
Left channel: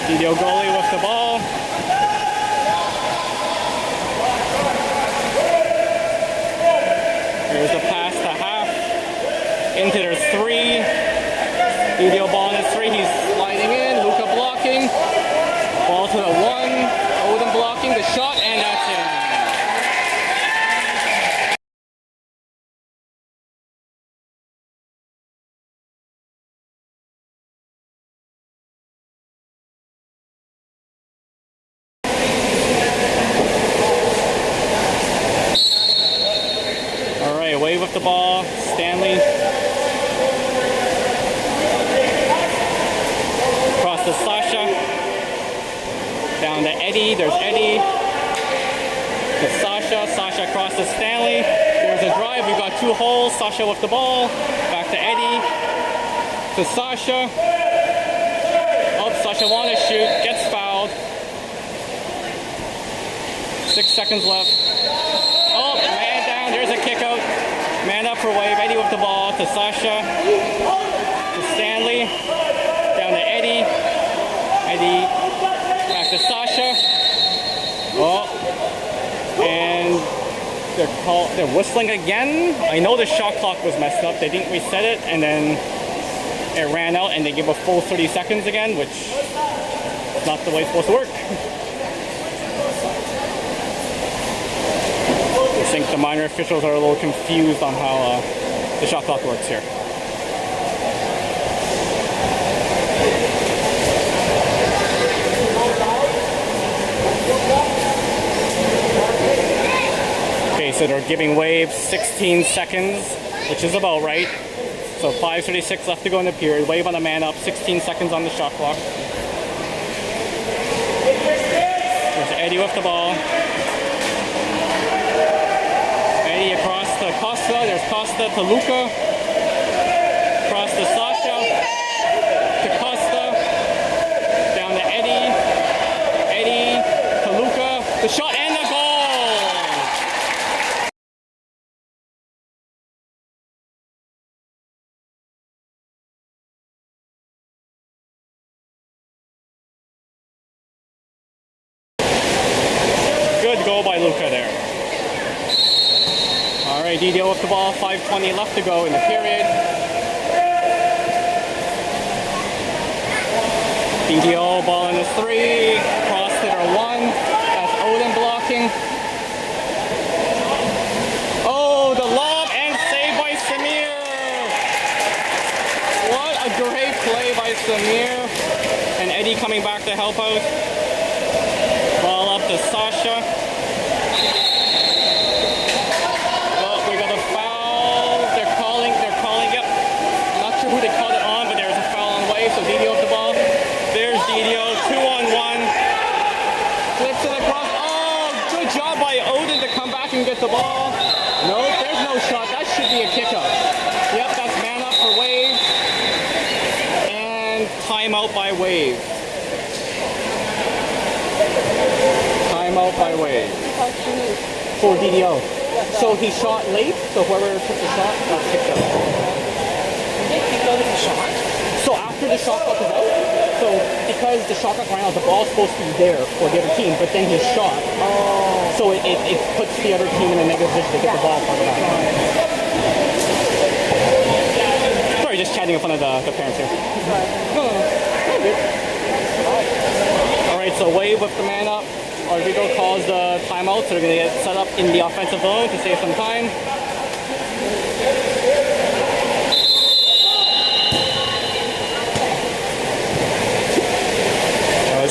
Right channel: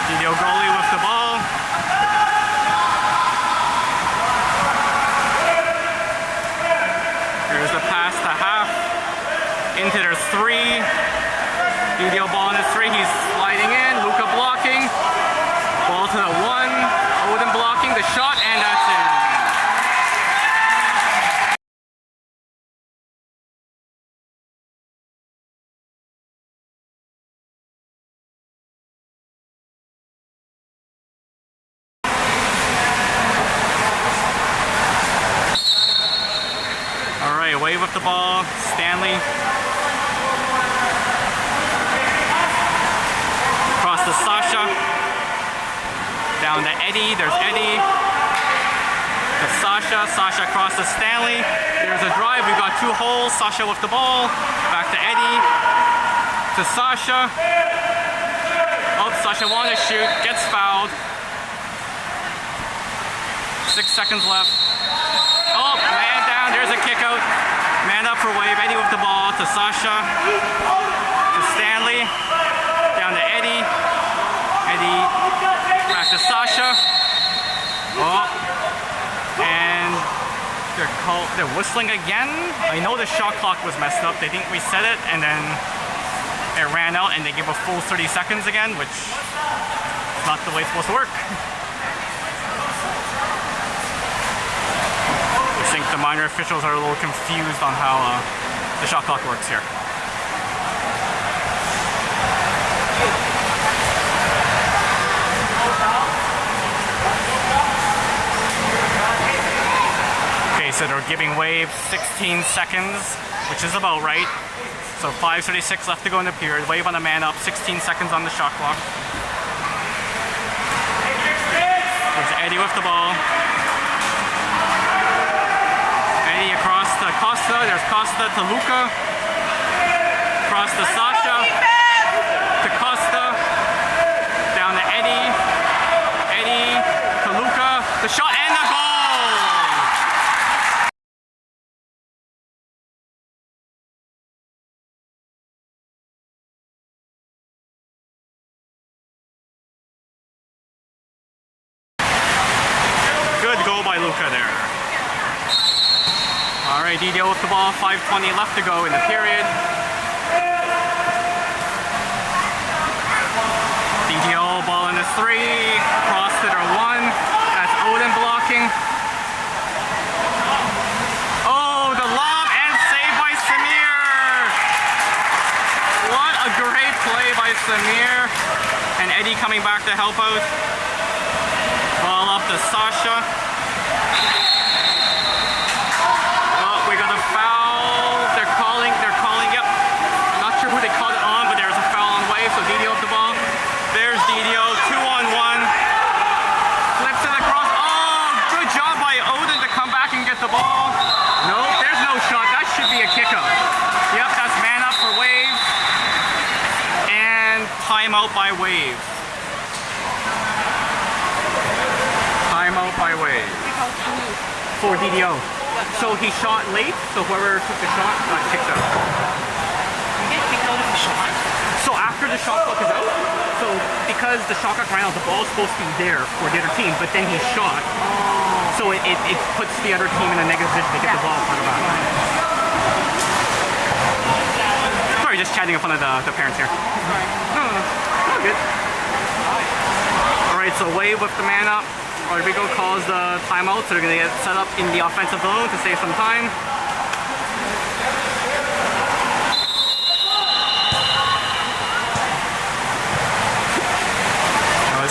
DDO goalie with the ball. Here's the pass to half. Into their 3. DDO ball in his 3. He's sliding in. Luca blocking. Ball to the 1. Odin blocking the shot, and that's in. Wave with the ball, Stanley. Across to Sasha. Down to Eddie, there's Eddie. To Sasha, Sasha across to Stanley. There's a drive, we've got 2 holes. Sasha with the ball. Back to Eddie. To Sasha. Oh, Sasha wanted to shoot, gets fouled. 6 seconds left. Oh, man down, there's a kick out. Man up for wave. Eddie with the ball to Sasha. To Stanley. Down to Eddie. Eddie back to Sasha. Oh. And they're whistling again. I know the shot clock was messed up. They didn't reset it, and then it ran out, and they give a full 30 seconds again, which is not the way it's supposed to work. I think the minor officials are a little confused on how the shot clock works here. Okay, so they're giving wave 16 seconds, which is about right. So 5:36 left to go in the period. Wave on the man up, 16 seconds on the shot clock. There's Eddie with the ball. Eddie across to Costa. There's Costa to Luca. Across to Sasha. To Costa. Down to Eddie. Eddie to Luca. The shot and the goal! Good goal by Luca there. Alright, DDO with the ball, 5:20 left to go in the period. DDO ball in the 3, cross to their 1. That's Odin blocking. Oh, the lob and save by Samir! What a great play by Samir. And Eddie coming back to help out. Ball up to Sasha. We got a foul. They're calling, yep. Not sure who they called it on, but there was a foul on wave, so DDO with the ball. There's DDO, 2-on-1. Flips it across. Oh, good job by Odin to come back and get the ball. Nope, there's no shot. That should be a kick-out. Yep, that's man up for wave. And timeout by wave. Timeout by Wave. For DDO. So he shot late, so whoever took the shot got kicked out. So after the shot clock is out, so because the shot clock ran out, the ball's supposed to be there for the other team, but then he shot. So it puts the other team in a negative position to get the ball part of that. Sorry, just chatting in front of the parents here. No, all good. Alright, so Wave with the man up. Rodrigo calls the timeout, so they're going to get set up in the offensive zone to save some time.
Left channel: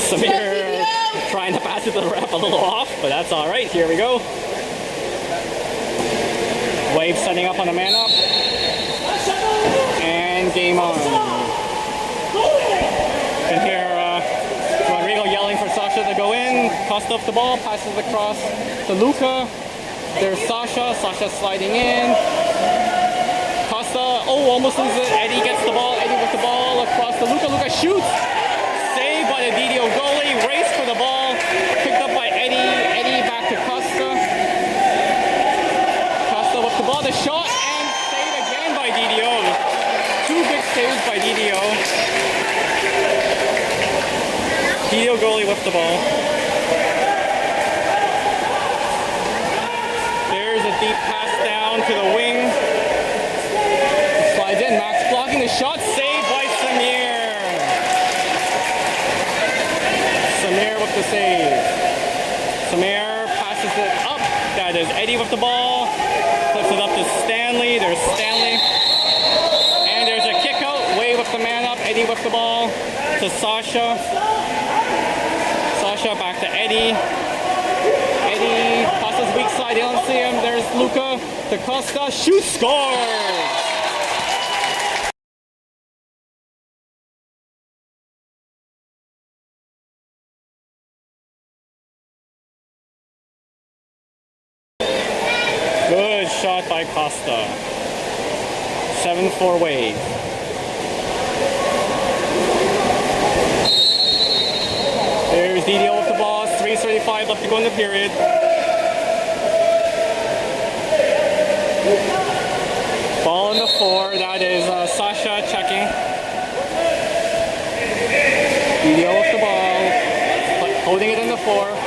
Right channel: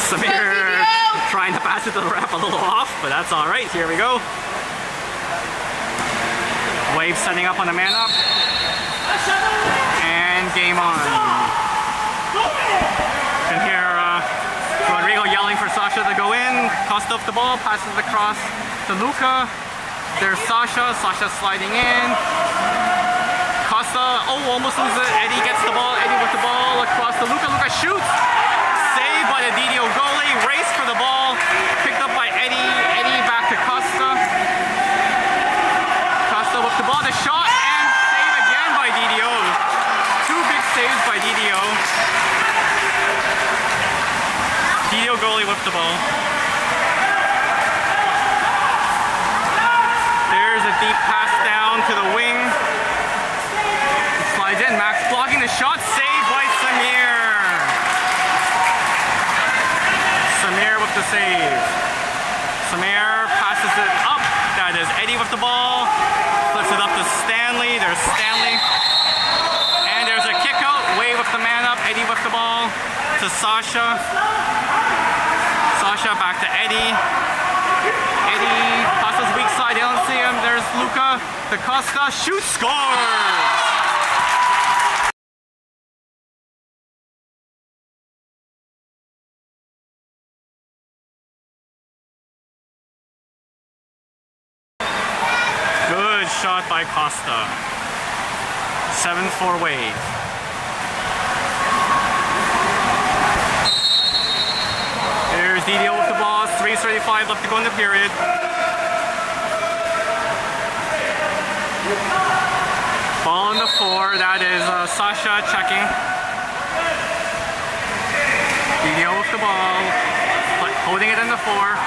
Samir trying to pass it to the ref a little off, but that's alright. Here we go. Wave setting up on the man up. And game on. You can hear Rodrigo yelling for Sasha to go in. Costa up the ball, passes across to Luca. There's Sasha. Sasha sliding in. Costa, almost loses it. Eddie gets the ball. Eddie with the ball across to Luca. Luca shoots. Saved by the DDO goalie. Race for the ball. Picked up by Eddie. Eddie back to Costa. Costa with the ball. The shot and save again by DDO. Two big saves by DDO. DDO goalie with the ball. There's a deep pass down to the wing. He slides in. Max blocking the shot. Saved by Samir. Samir with the save. Samir passes it up. That is Eddie with the ball. Flips it up to Stanley. There's Stanley. And there's a kick out. Wave with the man up. Eddie with the ball to Sasha. Sasha back to Eddie. Eddie, Costa's weak side. They don't see him. There's Luca to Costa. Shoot, scores! Good shot by Costa. 7-4 Wave. There's DDO with the ball. 3:35 left to go in the period. Ball on the 4. That is Sasha checking. DDO with the ball. Holding it in the 4.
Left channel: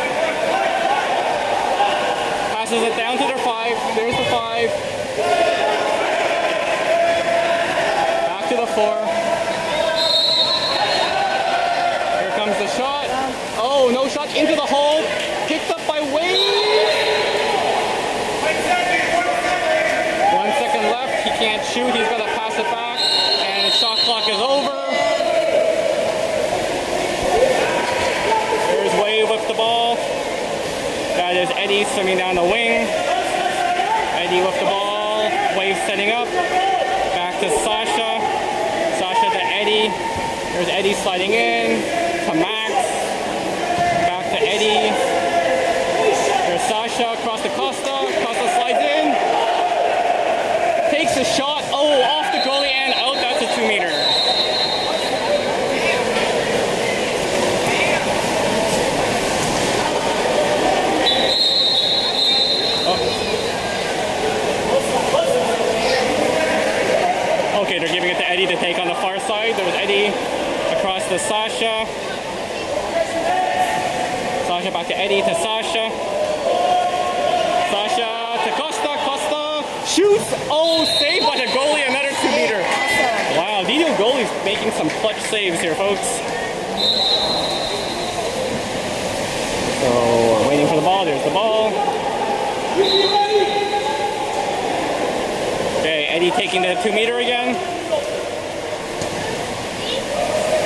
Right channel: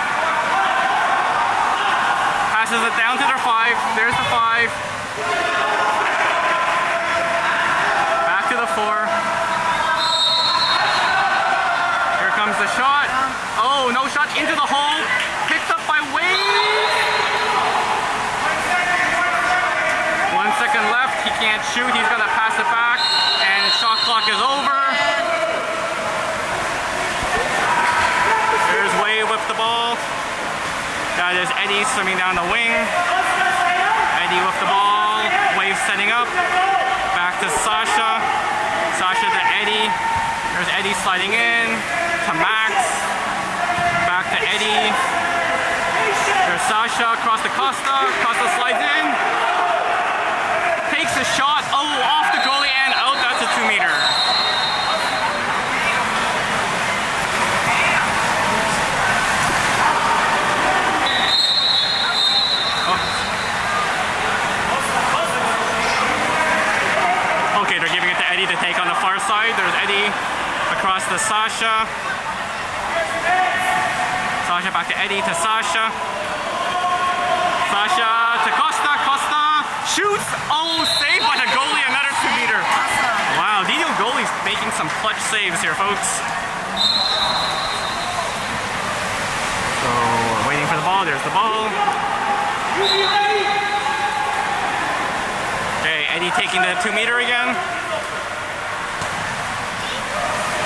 Passes it down to their 5. There's the 5. Back to the 4. Here comes the shot. Oh, no shot into the hole. Picked up by Wade. 1 second left. He can't shoot. He's going to pass it back. And shot clock is over. There's Wade with the ball. That is Eddie swimming down the wing. Eddie with the ball. Wave setting up. Back to Sasha. Sasha to Eddie. There's Eddie sliding in. To Max. Back to Eddie. There's Sasha across to Costa. Costa slides in. Takes a shot. Oh, off the goalie and out. That's a 2-meter. Okay, they're giving it to Eddie to take on the far side. There's Eddie across to Sasha. Sasha back to Eddie to Sasha. Sasha to Costa. Costa shoots. Oh, saved by the goalie. Another 2-meter. Wow, DDO goalie's making some clutch saves here, folks. So, waiting for the ball. There's the ball. Okay, Eddie taking the 2-meter again.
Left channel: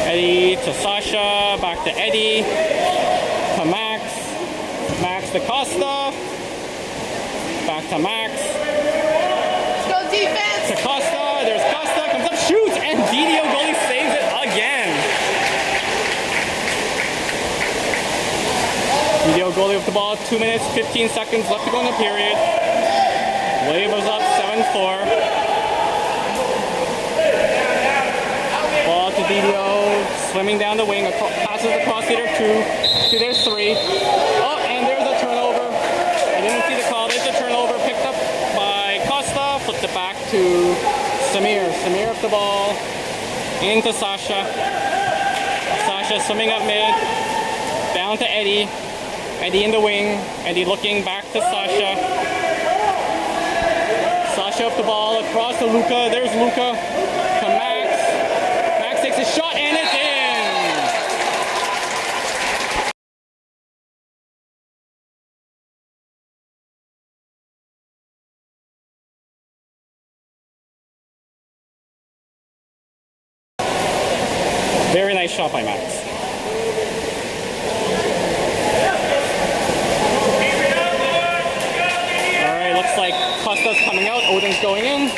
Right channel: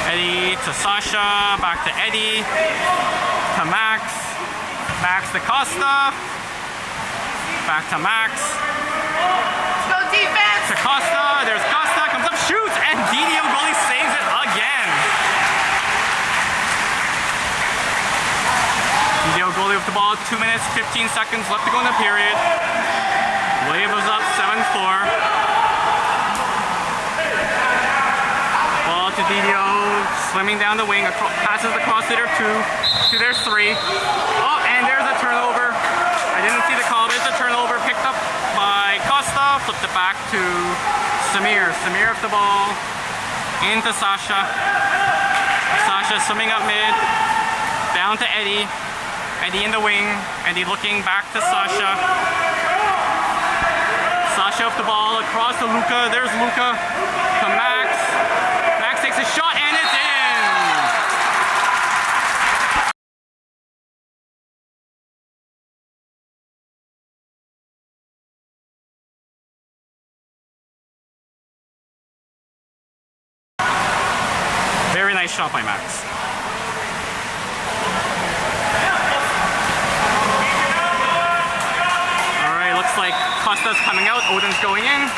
Eddie to Sasha, back to Eddie, to Max, Max to Costa, back to Max. Let's go defense! To Costa, there's Costa, comes up, shoots, and DDO goalie saves it again. DDO goalie with the ball, 2 minutes, 15 seconds left to go in the period. Wave was up 7-4. Ball to DDO, swimming down the wing, pass passes the cross leader to their 3. Oh, and there's a turnover. I didn't see the call. There's a turnover picked up by Costa. Flipped it back to Samir. Samir with the ball into Sasha. Sasha swimming up mid. Down to Eddie. Eddie in the wing. Eddie looking back to Sasha. Sasha with the ball across to Luca. There's Luca to Max. Max takes a shot and it's in. Very nice shot by Max. Alright, looks like Costa's coming out. Odin's going in.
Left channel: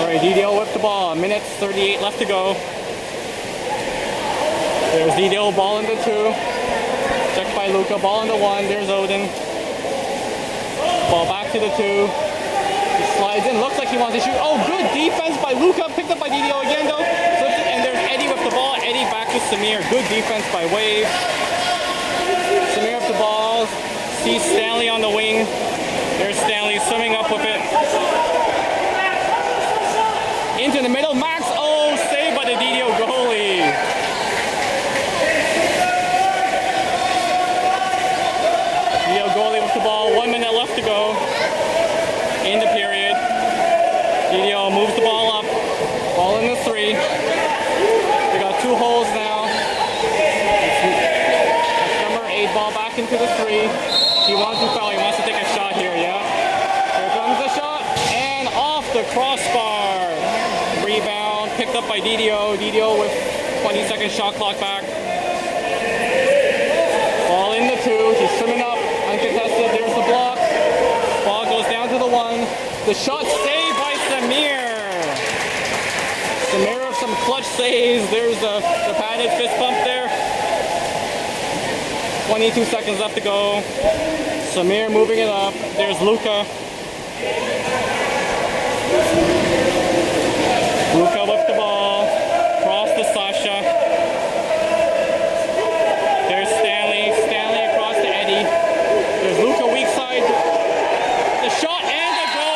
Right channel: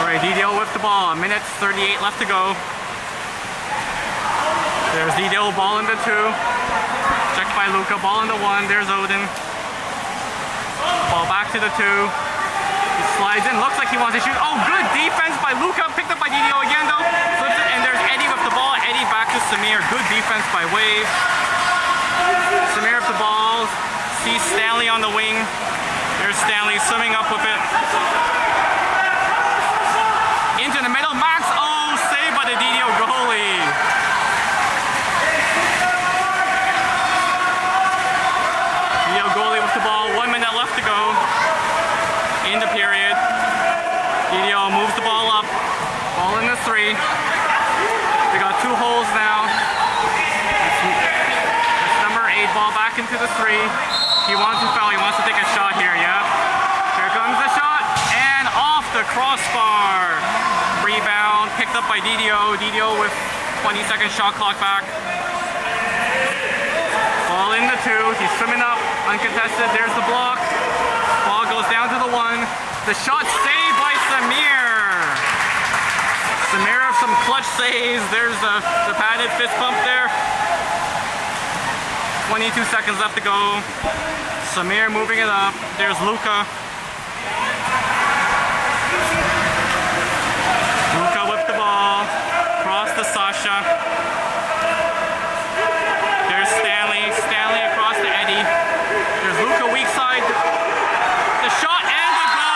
Alright, DDO with the ball. 1:38 left to go. There's DDO, ball into 2. Checked by Luca, ball into 1. There's Odin. Ball back to the 2. He slides in, looks like he wants to shoot. Oh, good defense by Luca, picked up by DDO again though. Flips it, and there's Eddie with the ball. Eddie back to Samir. Good defense by Wave. Samir with the ball. Sees Stanley on the wing. There's Stanley swimming up with it. Into the middle, Max. Oh, saved by the DDO goalie. DDO goalie with the ball. 1 minute left to go. In the period. DDO moves the ball up. Ball in the 3. They got 2 holes now. That's number 8. Ball back into the 3. He wants to foul. He wants to take a shot here, yeah? Here comes the shot. And off the crossbar. Rebound. Picked up by DDO. DDO with 20-second shot clock back. Ball in the 2. He's swimming up. Uncontested. There's the block. Ball goes down to the 1. The shot saved by Samir. Samir with some clutch saves. There's the padded fist bump there. 22 seconds left to go. Samir moving it up. There's Luca. Luca with the ball. Cross to Sasha. There's Stanley. Stanley across to Eddie. There's Luca weak side. The shot and the goal!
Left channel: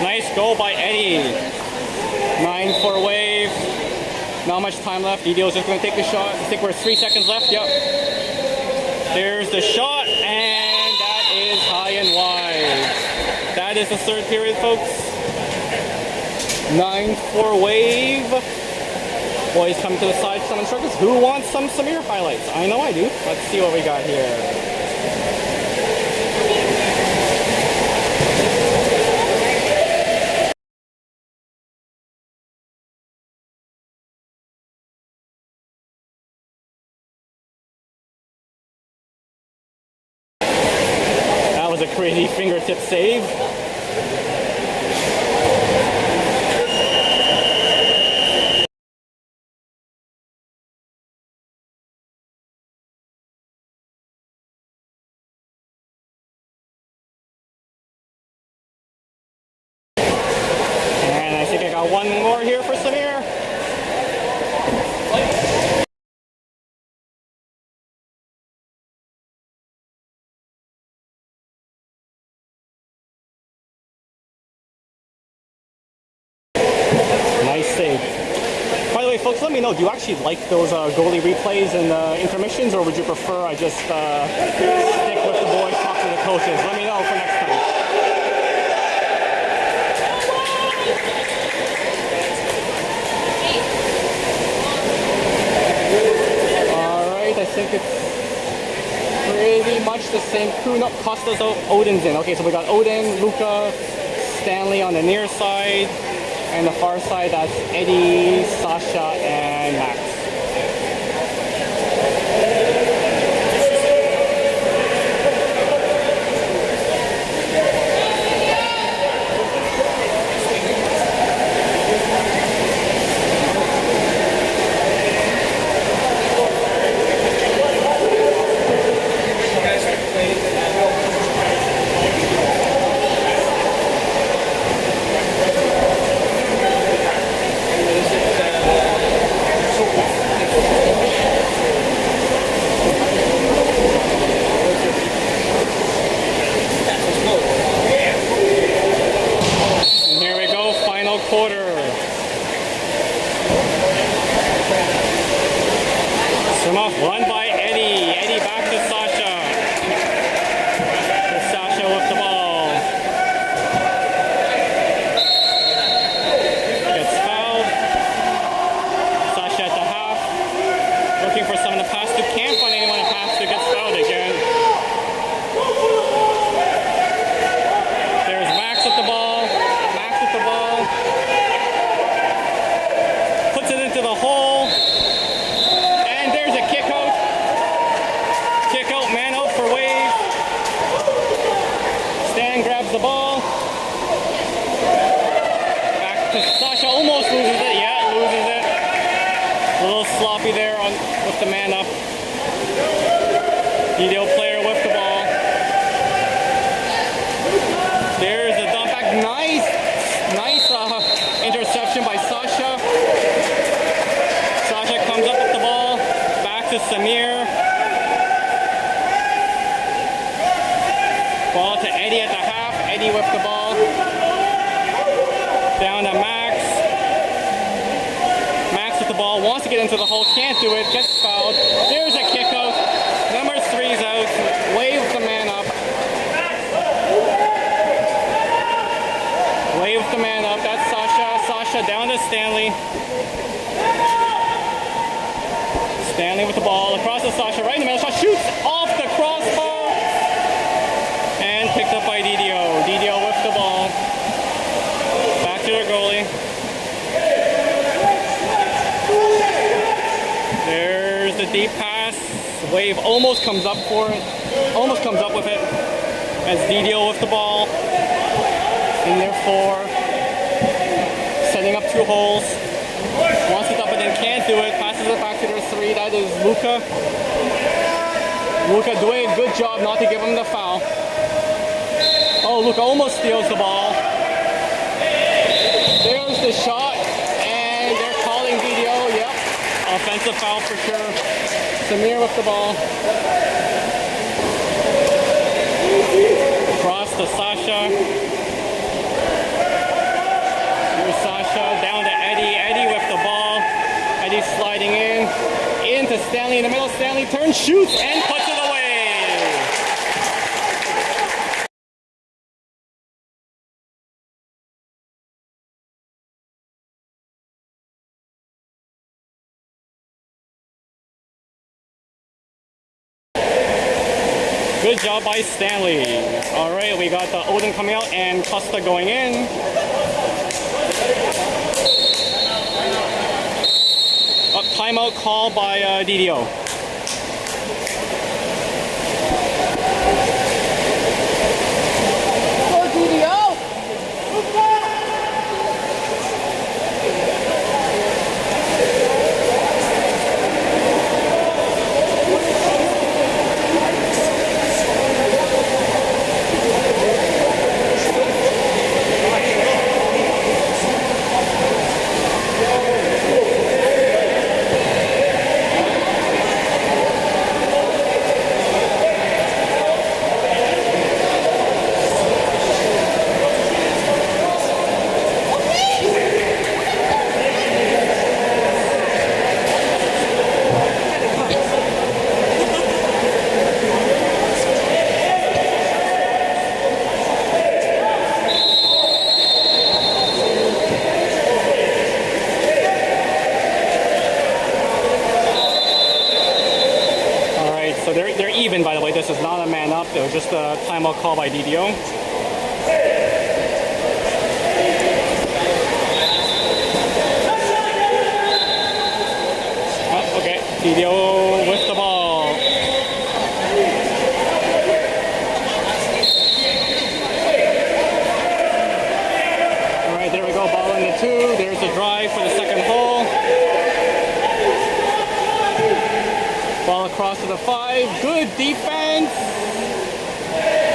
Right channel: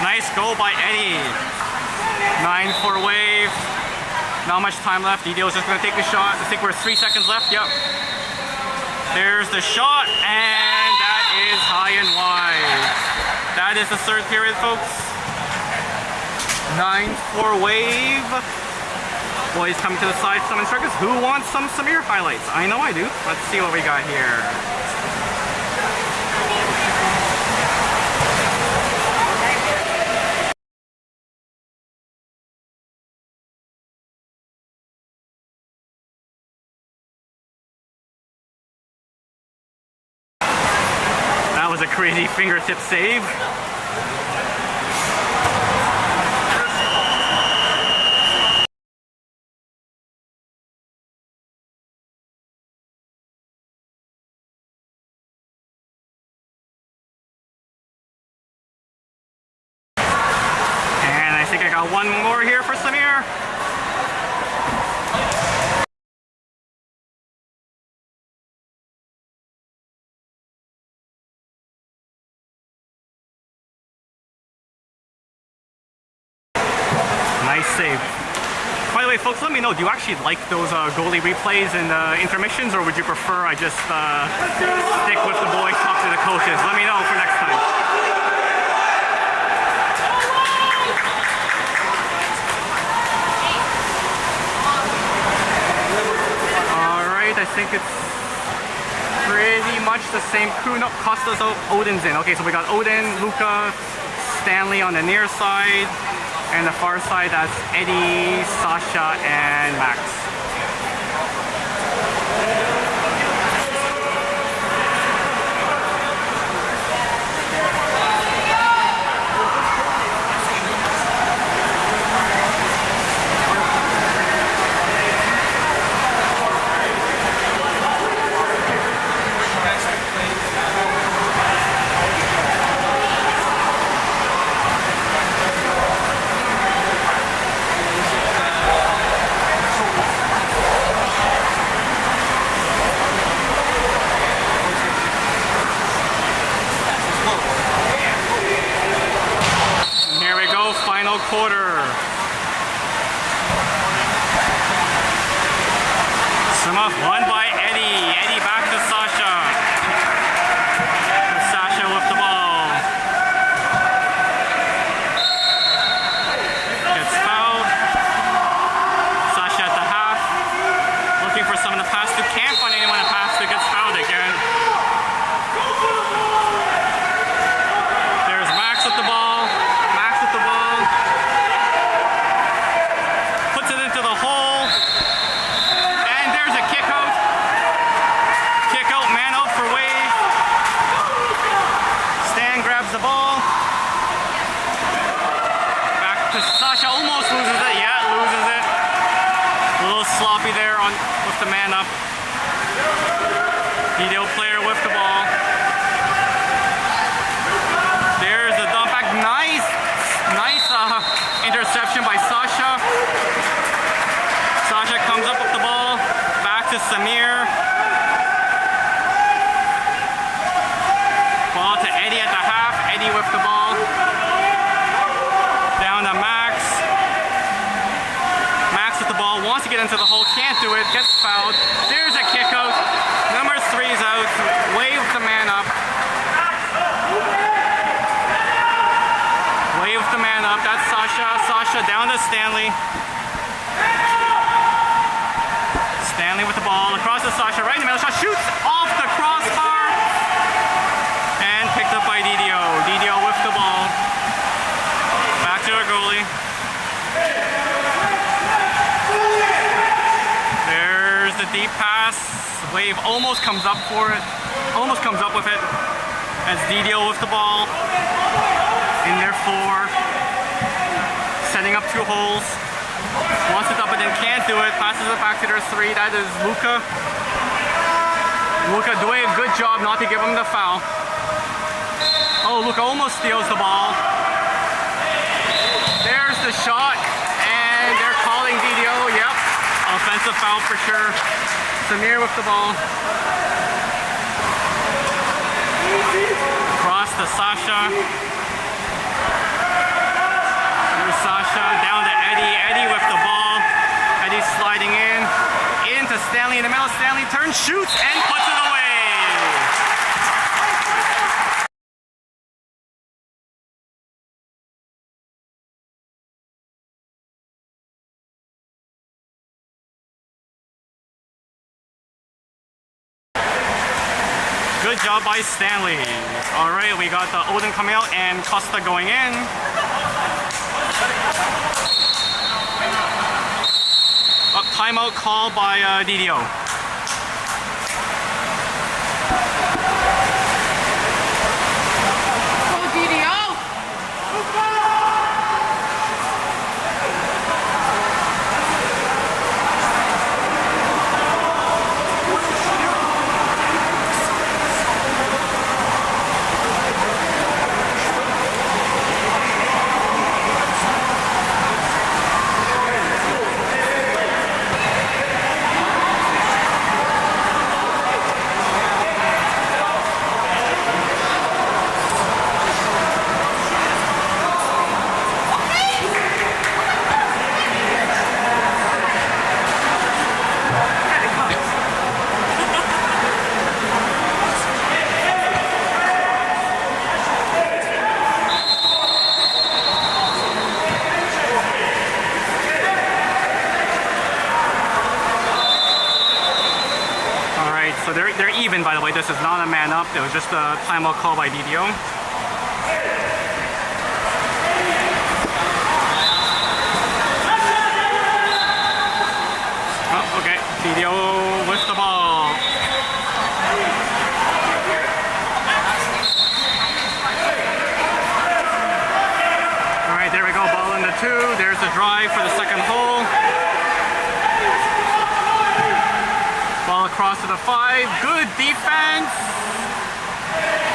Nice goal by Eddie. 9-4 Wave. Not much time left. DDO is just going to take the shot. I think we're 3 seconds left. Yep. There's the shot, and that is high and wide. That is the 3rd period, folks. 9-4 Wave. Boys come to the side, some instructors. Who wants some Samir highlights? I know I do. Let's see what we got here. That was a crazy fingertip save. And I think I got one more here for Samir. Nice save. By the way, folks, let me know, do you actually like those goalie replays and intermissions, or would you prefer I just stick with the boys, talk to the coaches? Let me know for next time. Alright, I think it's pretty much the same crew. No, Costa's out, Odin's in. Okay, so we got Odin, Luca, Stanley on the near side. And the far side, that's Eddie, Sasha, and Max. grabs the ball. Back to Sasha, almost loses it. Yeah, loses it. A little sloppy there with the man up. DDO player with the ball. There's the dump back. Nice interception by Sasha. Sasha comes up with the ball. Back to Samir. Ball to Eddie at the half. Eddie with the ball. Down to Max. Max with the ball. Wants to get into the hole. Can't do it. Gets fouled. There's a kick out. Number 3's out. Waves the man up. Waves the man up. That's Sasha. Sasha down to Stanley. Stanley with the ball. Across to Sasha. Right in the middle. Shot shoots off the crossbar. And picked up by DDO. DDO with the ball. Back to the goalie. There's the deep pass. Wave almost comes up for it. Almost comes up with it. As DDO with the ball. In there 4. Setting up 2 holes. Wants it up but then can't do it. Passes it back to their 3. That is Luca. Luca doing a good job not to give him the foul. Oh, Luca almost steals the ball. There's the shot. And they're calling DDO. Yep. Offensive foul for sure. Samir with the ball. Cross to Sasha. Here's Sasha. Down to Eddie. Eddie with the ball. Eddie sliding in. Into Stanley in the middle. Stanley turns, shoots, and puts it away. Good job by Stanley. All right, we got the Odin coming out and Costa going in. A timeout call by DDO. Go DDO! So they're even, by the way. This is not a man up. It was just a timeout call by DDO. Oh, okay. DDO with the ball. All right, there we go. Ball in the 2. There's the drive for the second hole. Ball across to the 5. Good defense.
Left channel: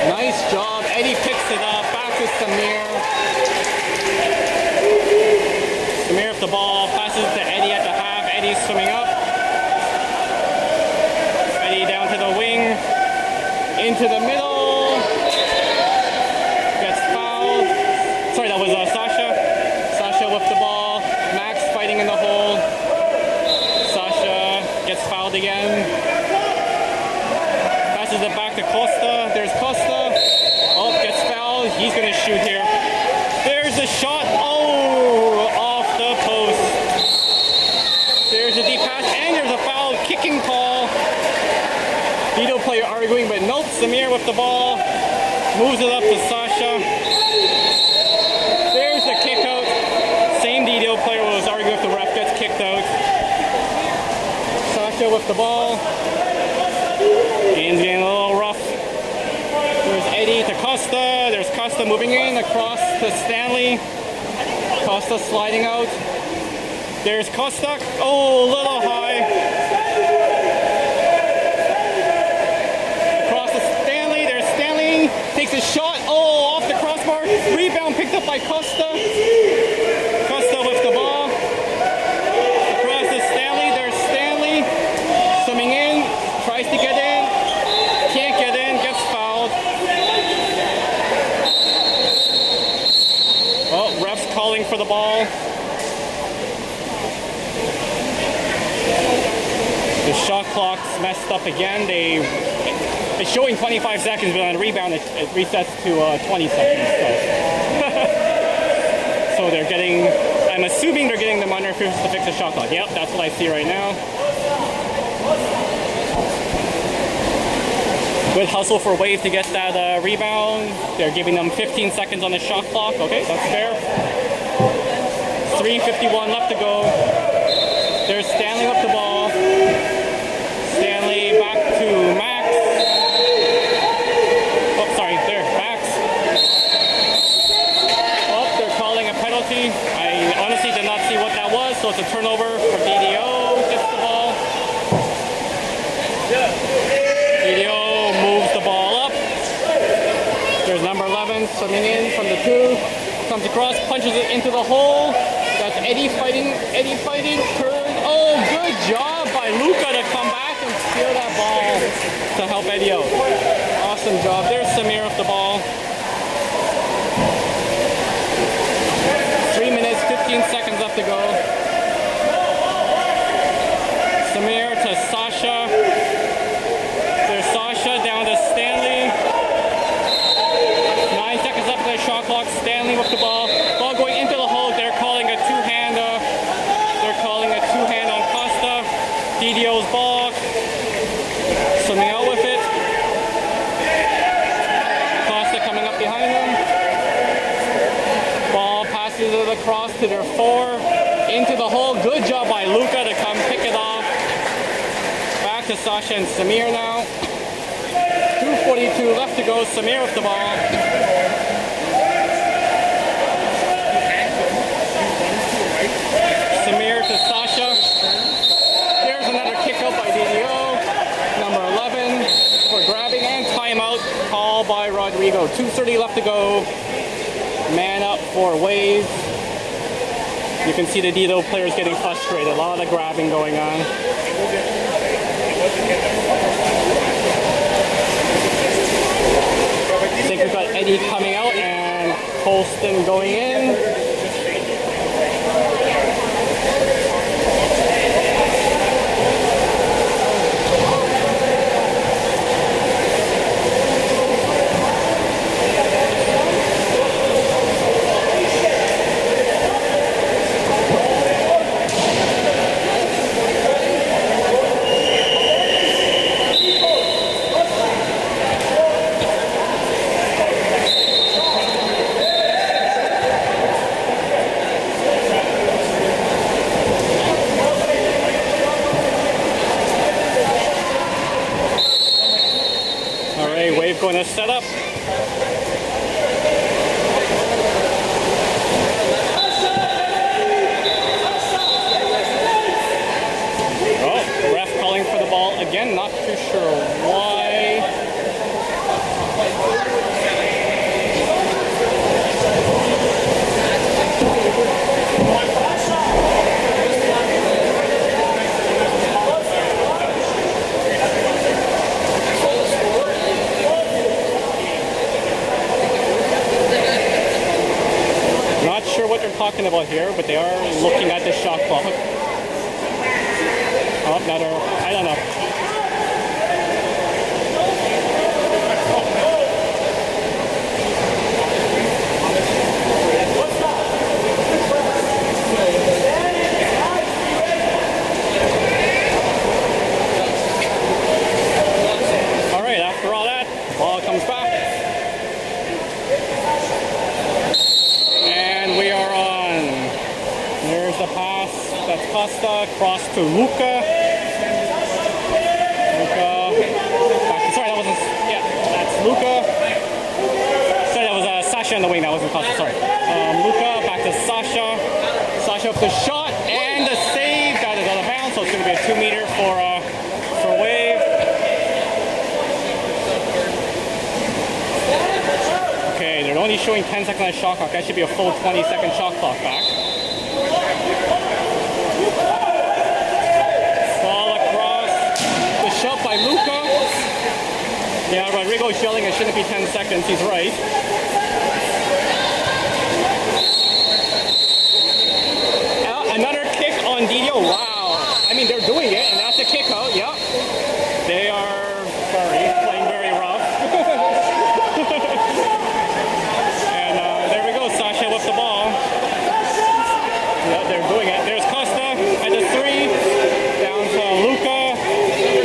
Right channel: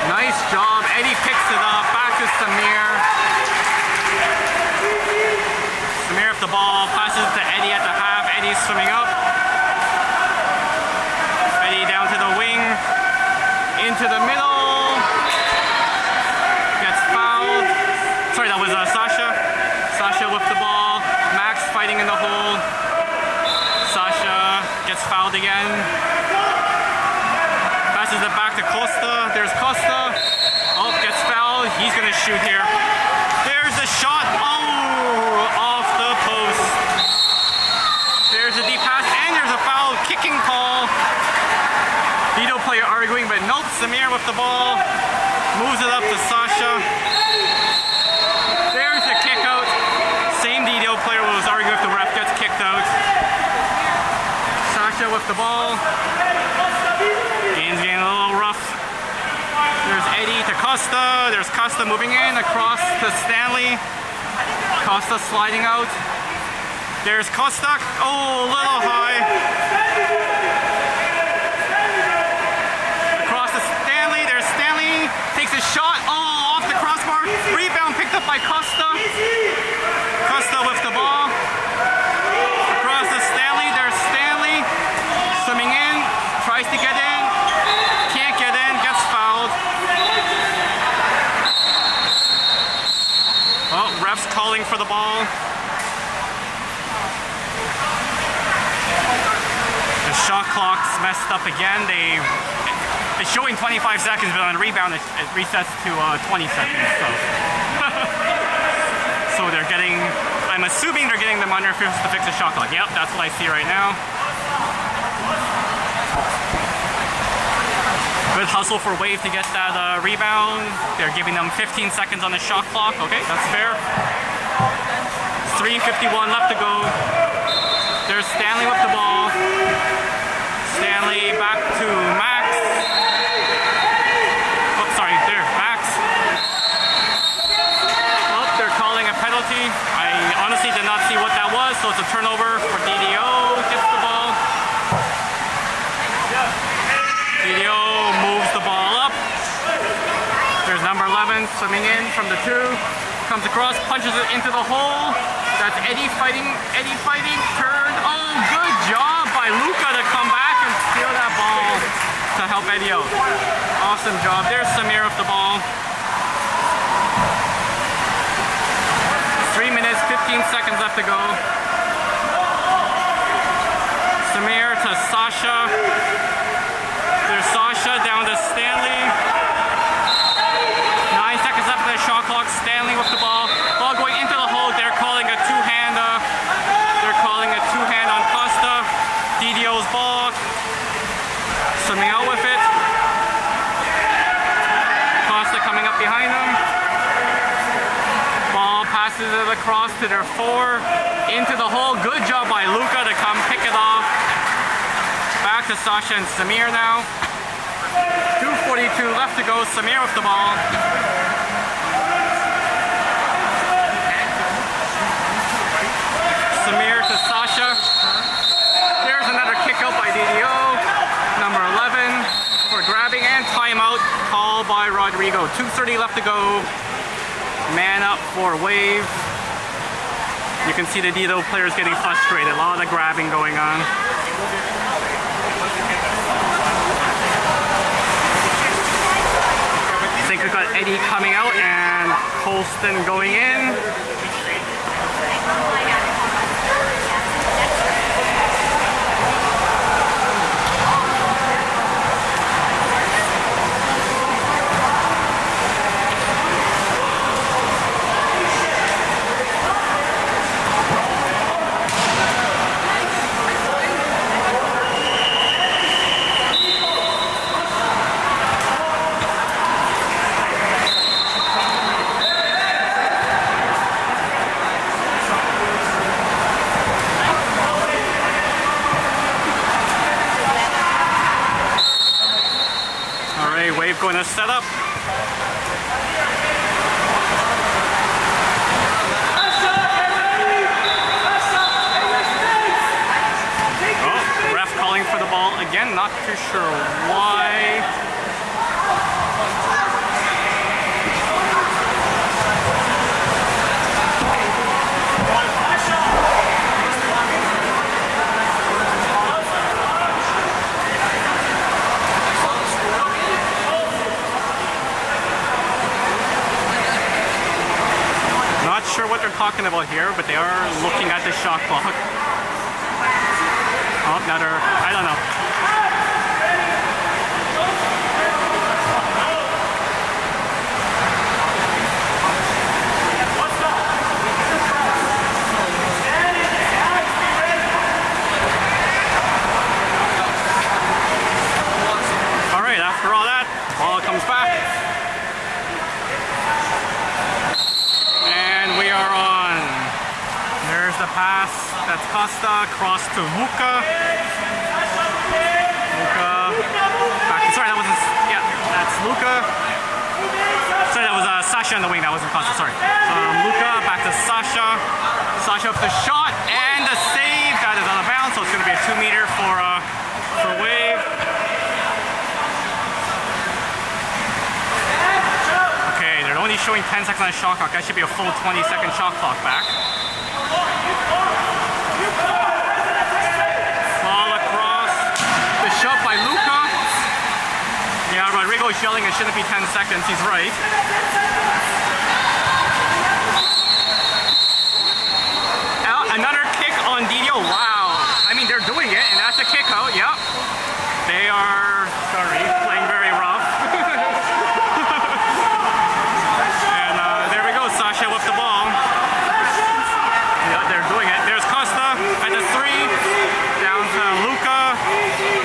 Nice job. Eddie picks it up. Back to Samir. Samir with the ball. Passes to Eddie at the half. Eddie's swimming up. Eddie down to the wing. Into the middle. Gets fouled. Sorry, that was Sasha. Sasha with the ball. Max fighting in the hole. Sasha gets fouled again. Passes it back to Costa. There's Costa. Oh, gets fouled. He's going to shoot here. There's a shot. Oh, off the post. There's a deep pass, and there's a foul. Kicking call. DDO player arguing, but nope. Samir with the ball. Moves it up to Sasha. There's a kick out. Same DDO player was arguing if the ref gets kicked out. Sasha with the ball. Game's getting a little rough. There's Eddie to Costa. There's Costa moving in across to Stanley. Costa sliding out. There's Costa. Oh, a little high. Across to Stanley. There's Stanley. Takes a shot. Oh, off the crossbar. Rebound picked up by Costa. Costa with the ball. Across to Stanley. There's Stanley. Swimming in. Tries to get in. Can't get in. Gets fouled. Oh, ref's calling for the ball. The shot clock's messed up again. It's showing 25 seconds, but on the rebound it resets to 20 seconds. So they're getting, I'm assuming they're getting them under to fix the shot clock. Yep, that's what I see right now. Good hustle for Wave to get that rebound. They're giving them 15 seconds on the shot clock. Okay, that's fair. 3:51 left to go. There's Stanley with the ball. Stanley back to Max. Oh, sorry, there, Max. Oh, they're calling a penalty. I honestly did not see what that was, so it's a turnover for DDO. Gets the ball. DDO moves the ball up. There's number 11 swimming in from the 2. Comes across, punches it into the hole. That's Eddie fighting, turn. Oh, good job by Luca to come back and steal that ball to help Eddie out. Awesome job. There's Samir with the ball. 3 minutes, 15 seconds left to go. Samir to Sasha. There's Sasha down to Stanley. 9 seconds left of the shot clock. Stanley with the ball. Ball going into the hole. They're calling a two-hand. On Costa. DDO's ball. Swimming out with it. Costa coming up behind them. Ball passes it across to their 4. Into the hole. Good job by Luca to come pick it off. Back to Sasha and Samir now. 2:42 left to go. Samir with the ball. Samir to Sasha. There's another kick out by DDO. Number 11 for grabbing and timeout called by Rodrigo. 2:30 left to go. Man up for Wave. You can see the DDO players getting frustrated. A lot of grabbing going on. I think we've got Eddie coming out and Colston going in. Wave going to set up. Oh, ref calling for the ball again. Not too sure why. What they're talking about here, but they are looking at the shot clock. Oh, another, I don't know. All right, after all that, ball comes back. We are on. There's the pass. That's Costa. Cross to Luca. Luca. Back. Sorry, that wasn't. Yeah, that's Luca. Sasha in the wing. That wasn't Costa. Sorry. Luka back to Sasha. Sasha with the shot and the save. That is out of bounds, so it's going to be a 2 meter for Wave. Okay, they're only showing 10 seconds on the shot clock. That should be a full 20-second shot clock back. Ball across. The shot by Luka. Yeah, Rodrigo's yelling it shouldn't be 10 seconds. He's right. Another kick on DDO. Wow. I mean, they're doing it, and that's a kick out. Yep. They are, playing very rough. And there we go. Sasha with the ball. Yeah, they're doing it. There's Costa at the 3. Down to Luka.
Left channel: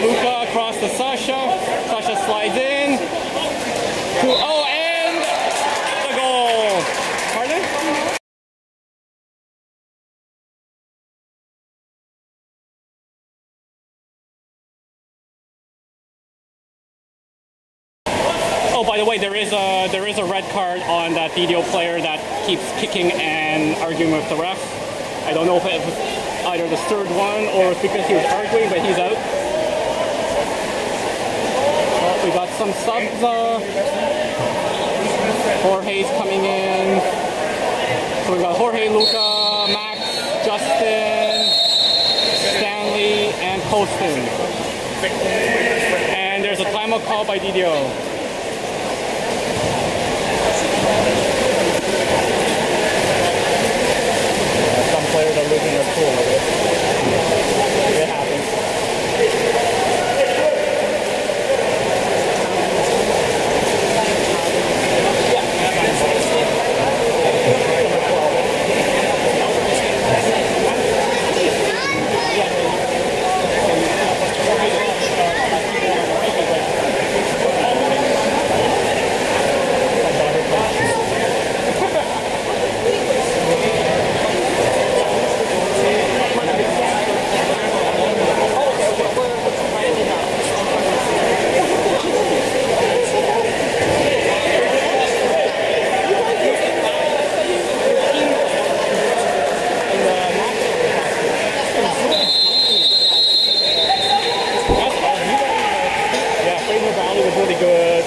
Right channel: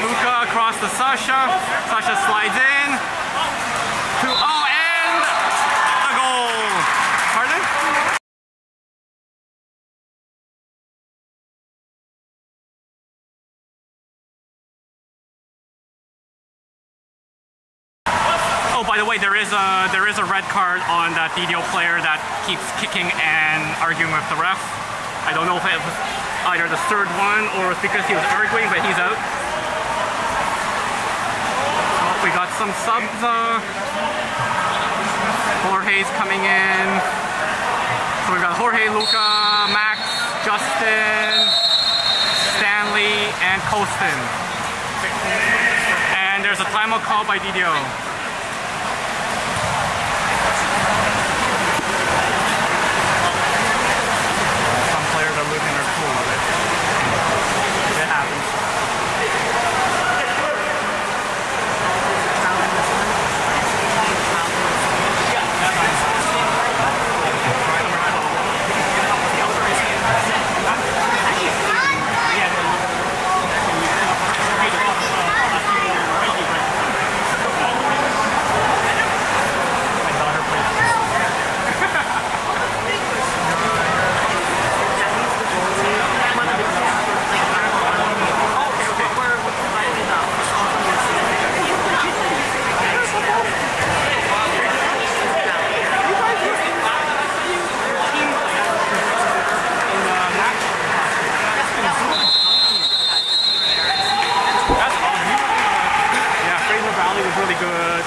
Luka across to Sasha. Sasha slides in. And the goal. Pardon? Oh, by the way, there is a red card on that DDO player that keeps kicking and arguing with the ref. I don't know if it was either the third one or it's because he was arguing, but he's out. Oh, we got some subs. Jorge's coming in. So we got Jorge, Luka, Max, Justin, Stanley, and Colston. And there's a timeout call by DDO. Players are losing their cool with it. It happens.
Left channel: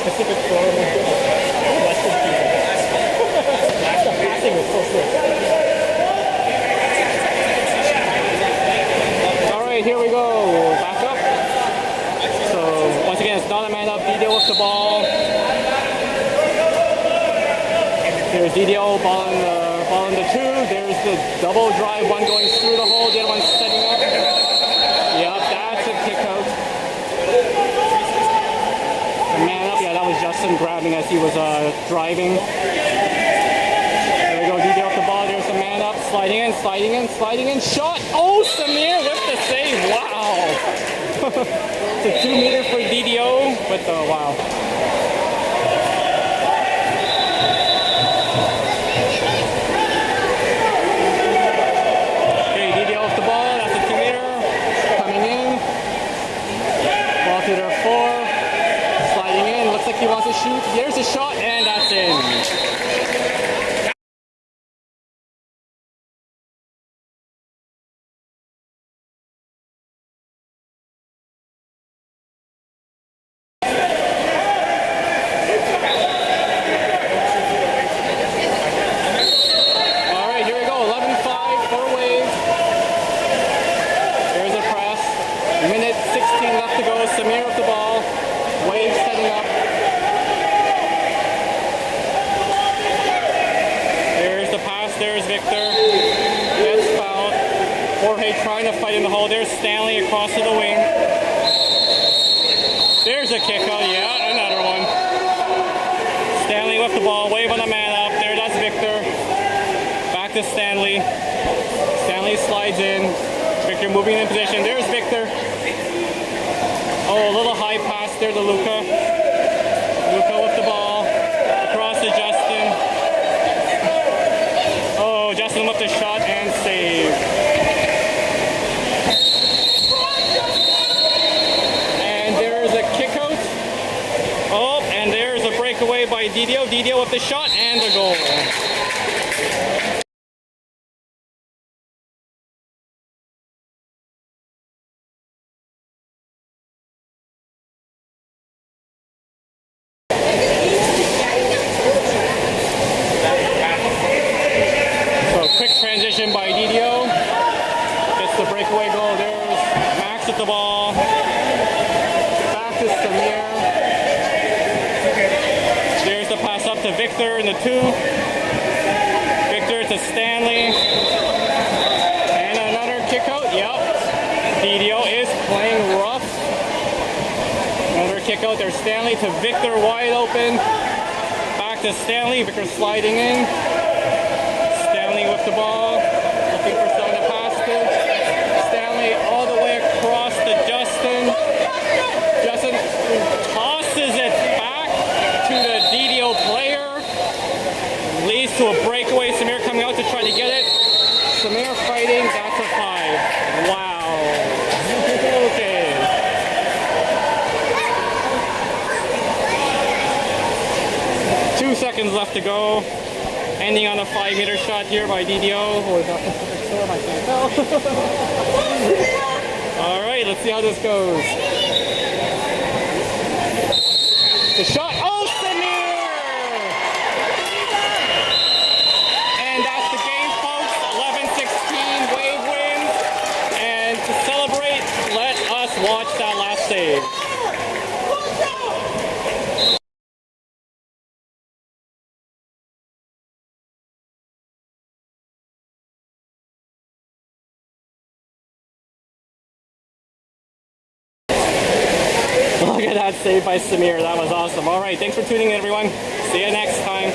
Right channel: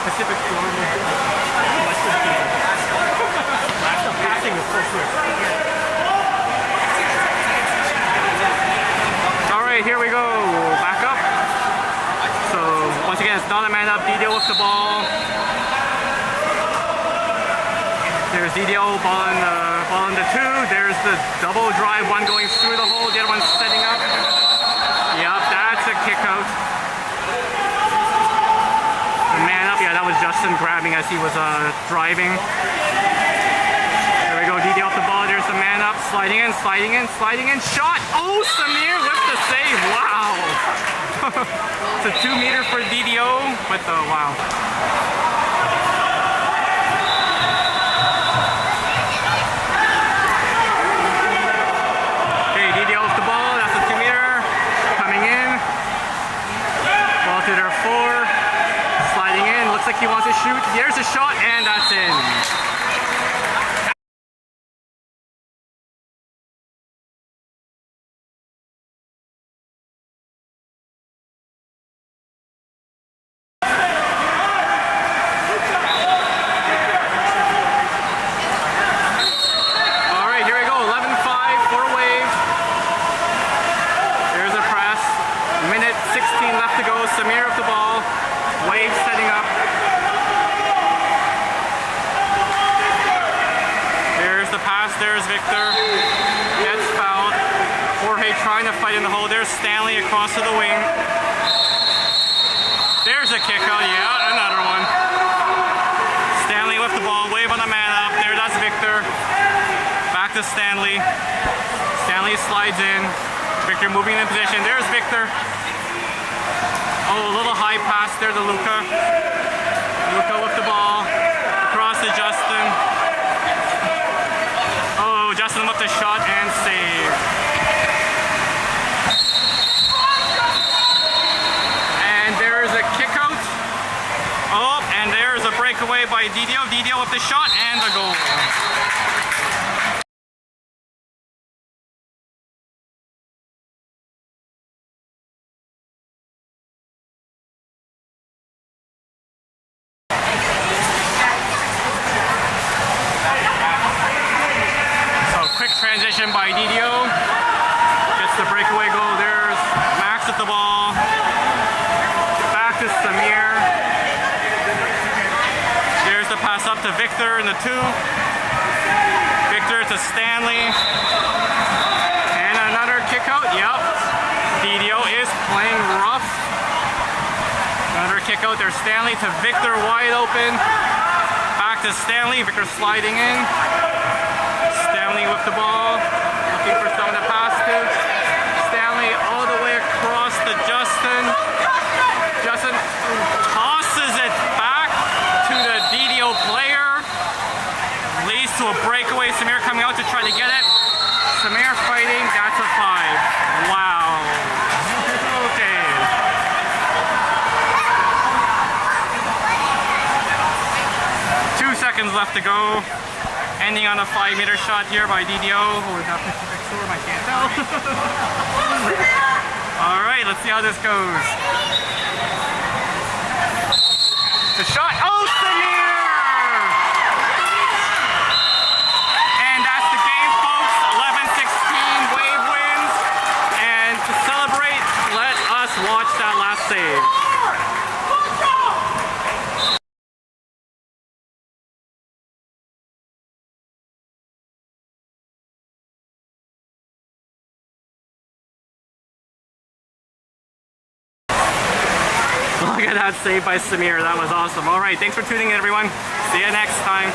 Pacific Storm was good. Western people. The passing was so quick. Alright, here we go. Back up. So, once again, it's not a man up. DDO with the ball. There's DDO ball in the 2. There's the double drive. One going through the hole. The other one's setting up. Yep, that's a kick out. Man up, yeah, that was Justin grabbing as he was driving. There we go, DDO with the ball. There's the man up, sliding in, shot. Oh, Samir with the save. Wow. It's a 2 meter for DDO, but wow. Okay, DDO with the ball. That's a 2 meter coming in. Ball to their 4. Sliding in, looks like he wants to shoot. Here's a shot, and that's in. Alright, here we go. 11-5 for Wave. There's a press. Minute 16 left to go. Samir with the ball. Wave setting up. There's the pass. There's Victor. Gets fouled. Jorge trying to fight in the hole. There's Stanley across to the wing. There's a kick out. Yeah, another one. Stanley with the ball. Wave on the man up. There, that's Victor. Back to Stanley. Stanley slides in. Victor moving in position. There's Victor. Oh, a little high pass there to Luka. Luka with the ball. Across to Justin. Oh, Justin with the shot and save. And there's a kick out. Oh, and there's a breakaway by DDO. DDO with the shot and the goal. So quick transition by DDO. Gets the breakaway goal. There's Max with the ball. Back to Samir. There's the pass up to Victor in the 2. Victor to Stanley. And another kick out. Yep. DDO is playing rough. Another kick out there. Stanley to Victor, wide open. Back to Stanley. Victor sliding in. Stanley with the ball. Looking for someone to pass to. Stanley all the way across to Justin. Justin tosses it back to the DDO player. Leads to a breakaway. Samir coming out to try to get it. Samir fighting. That's a 5. Wow. Okay. Two seconds left to go. Ending on a 5-meter shot here by DDO. Or is that the storm? I can't tell. Alright, let's see how this goes. The shot. Oh, Samir! And that's the game, folks. 11-16, Wave wins. And to celebrate, let us watch that last save. Look at that save by Samir. That was awesome. All right, thanks for tuning in, everyone. See you next time.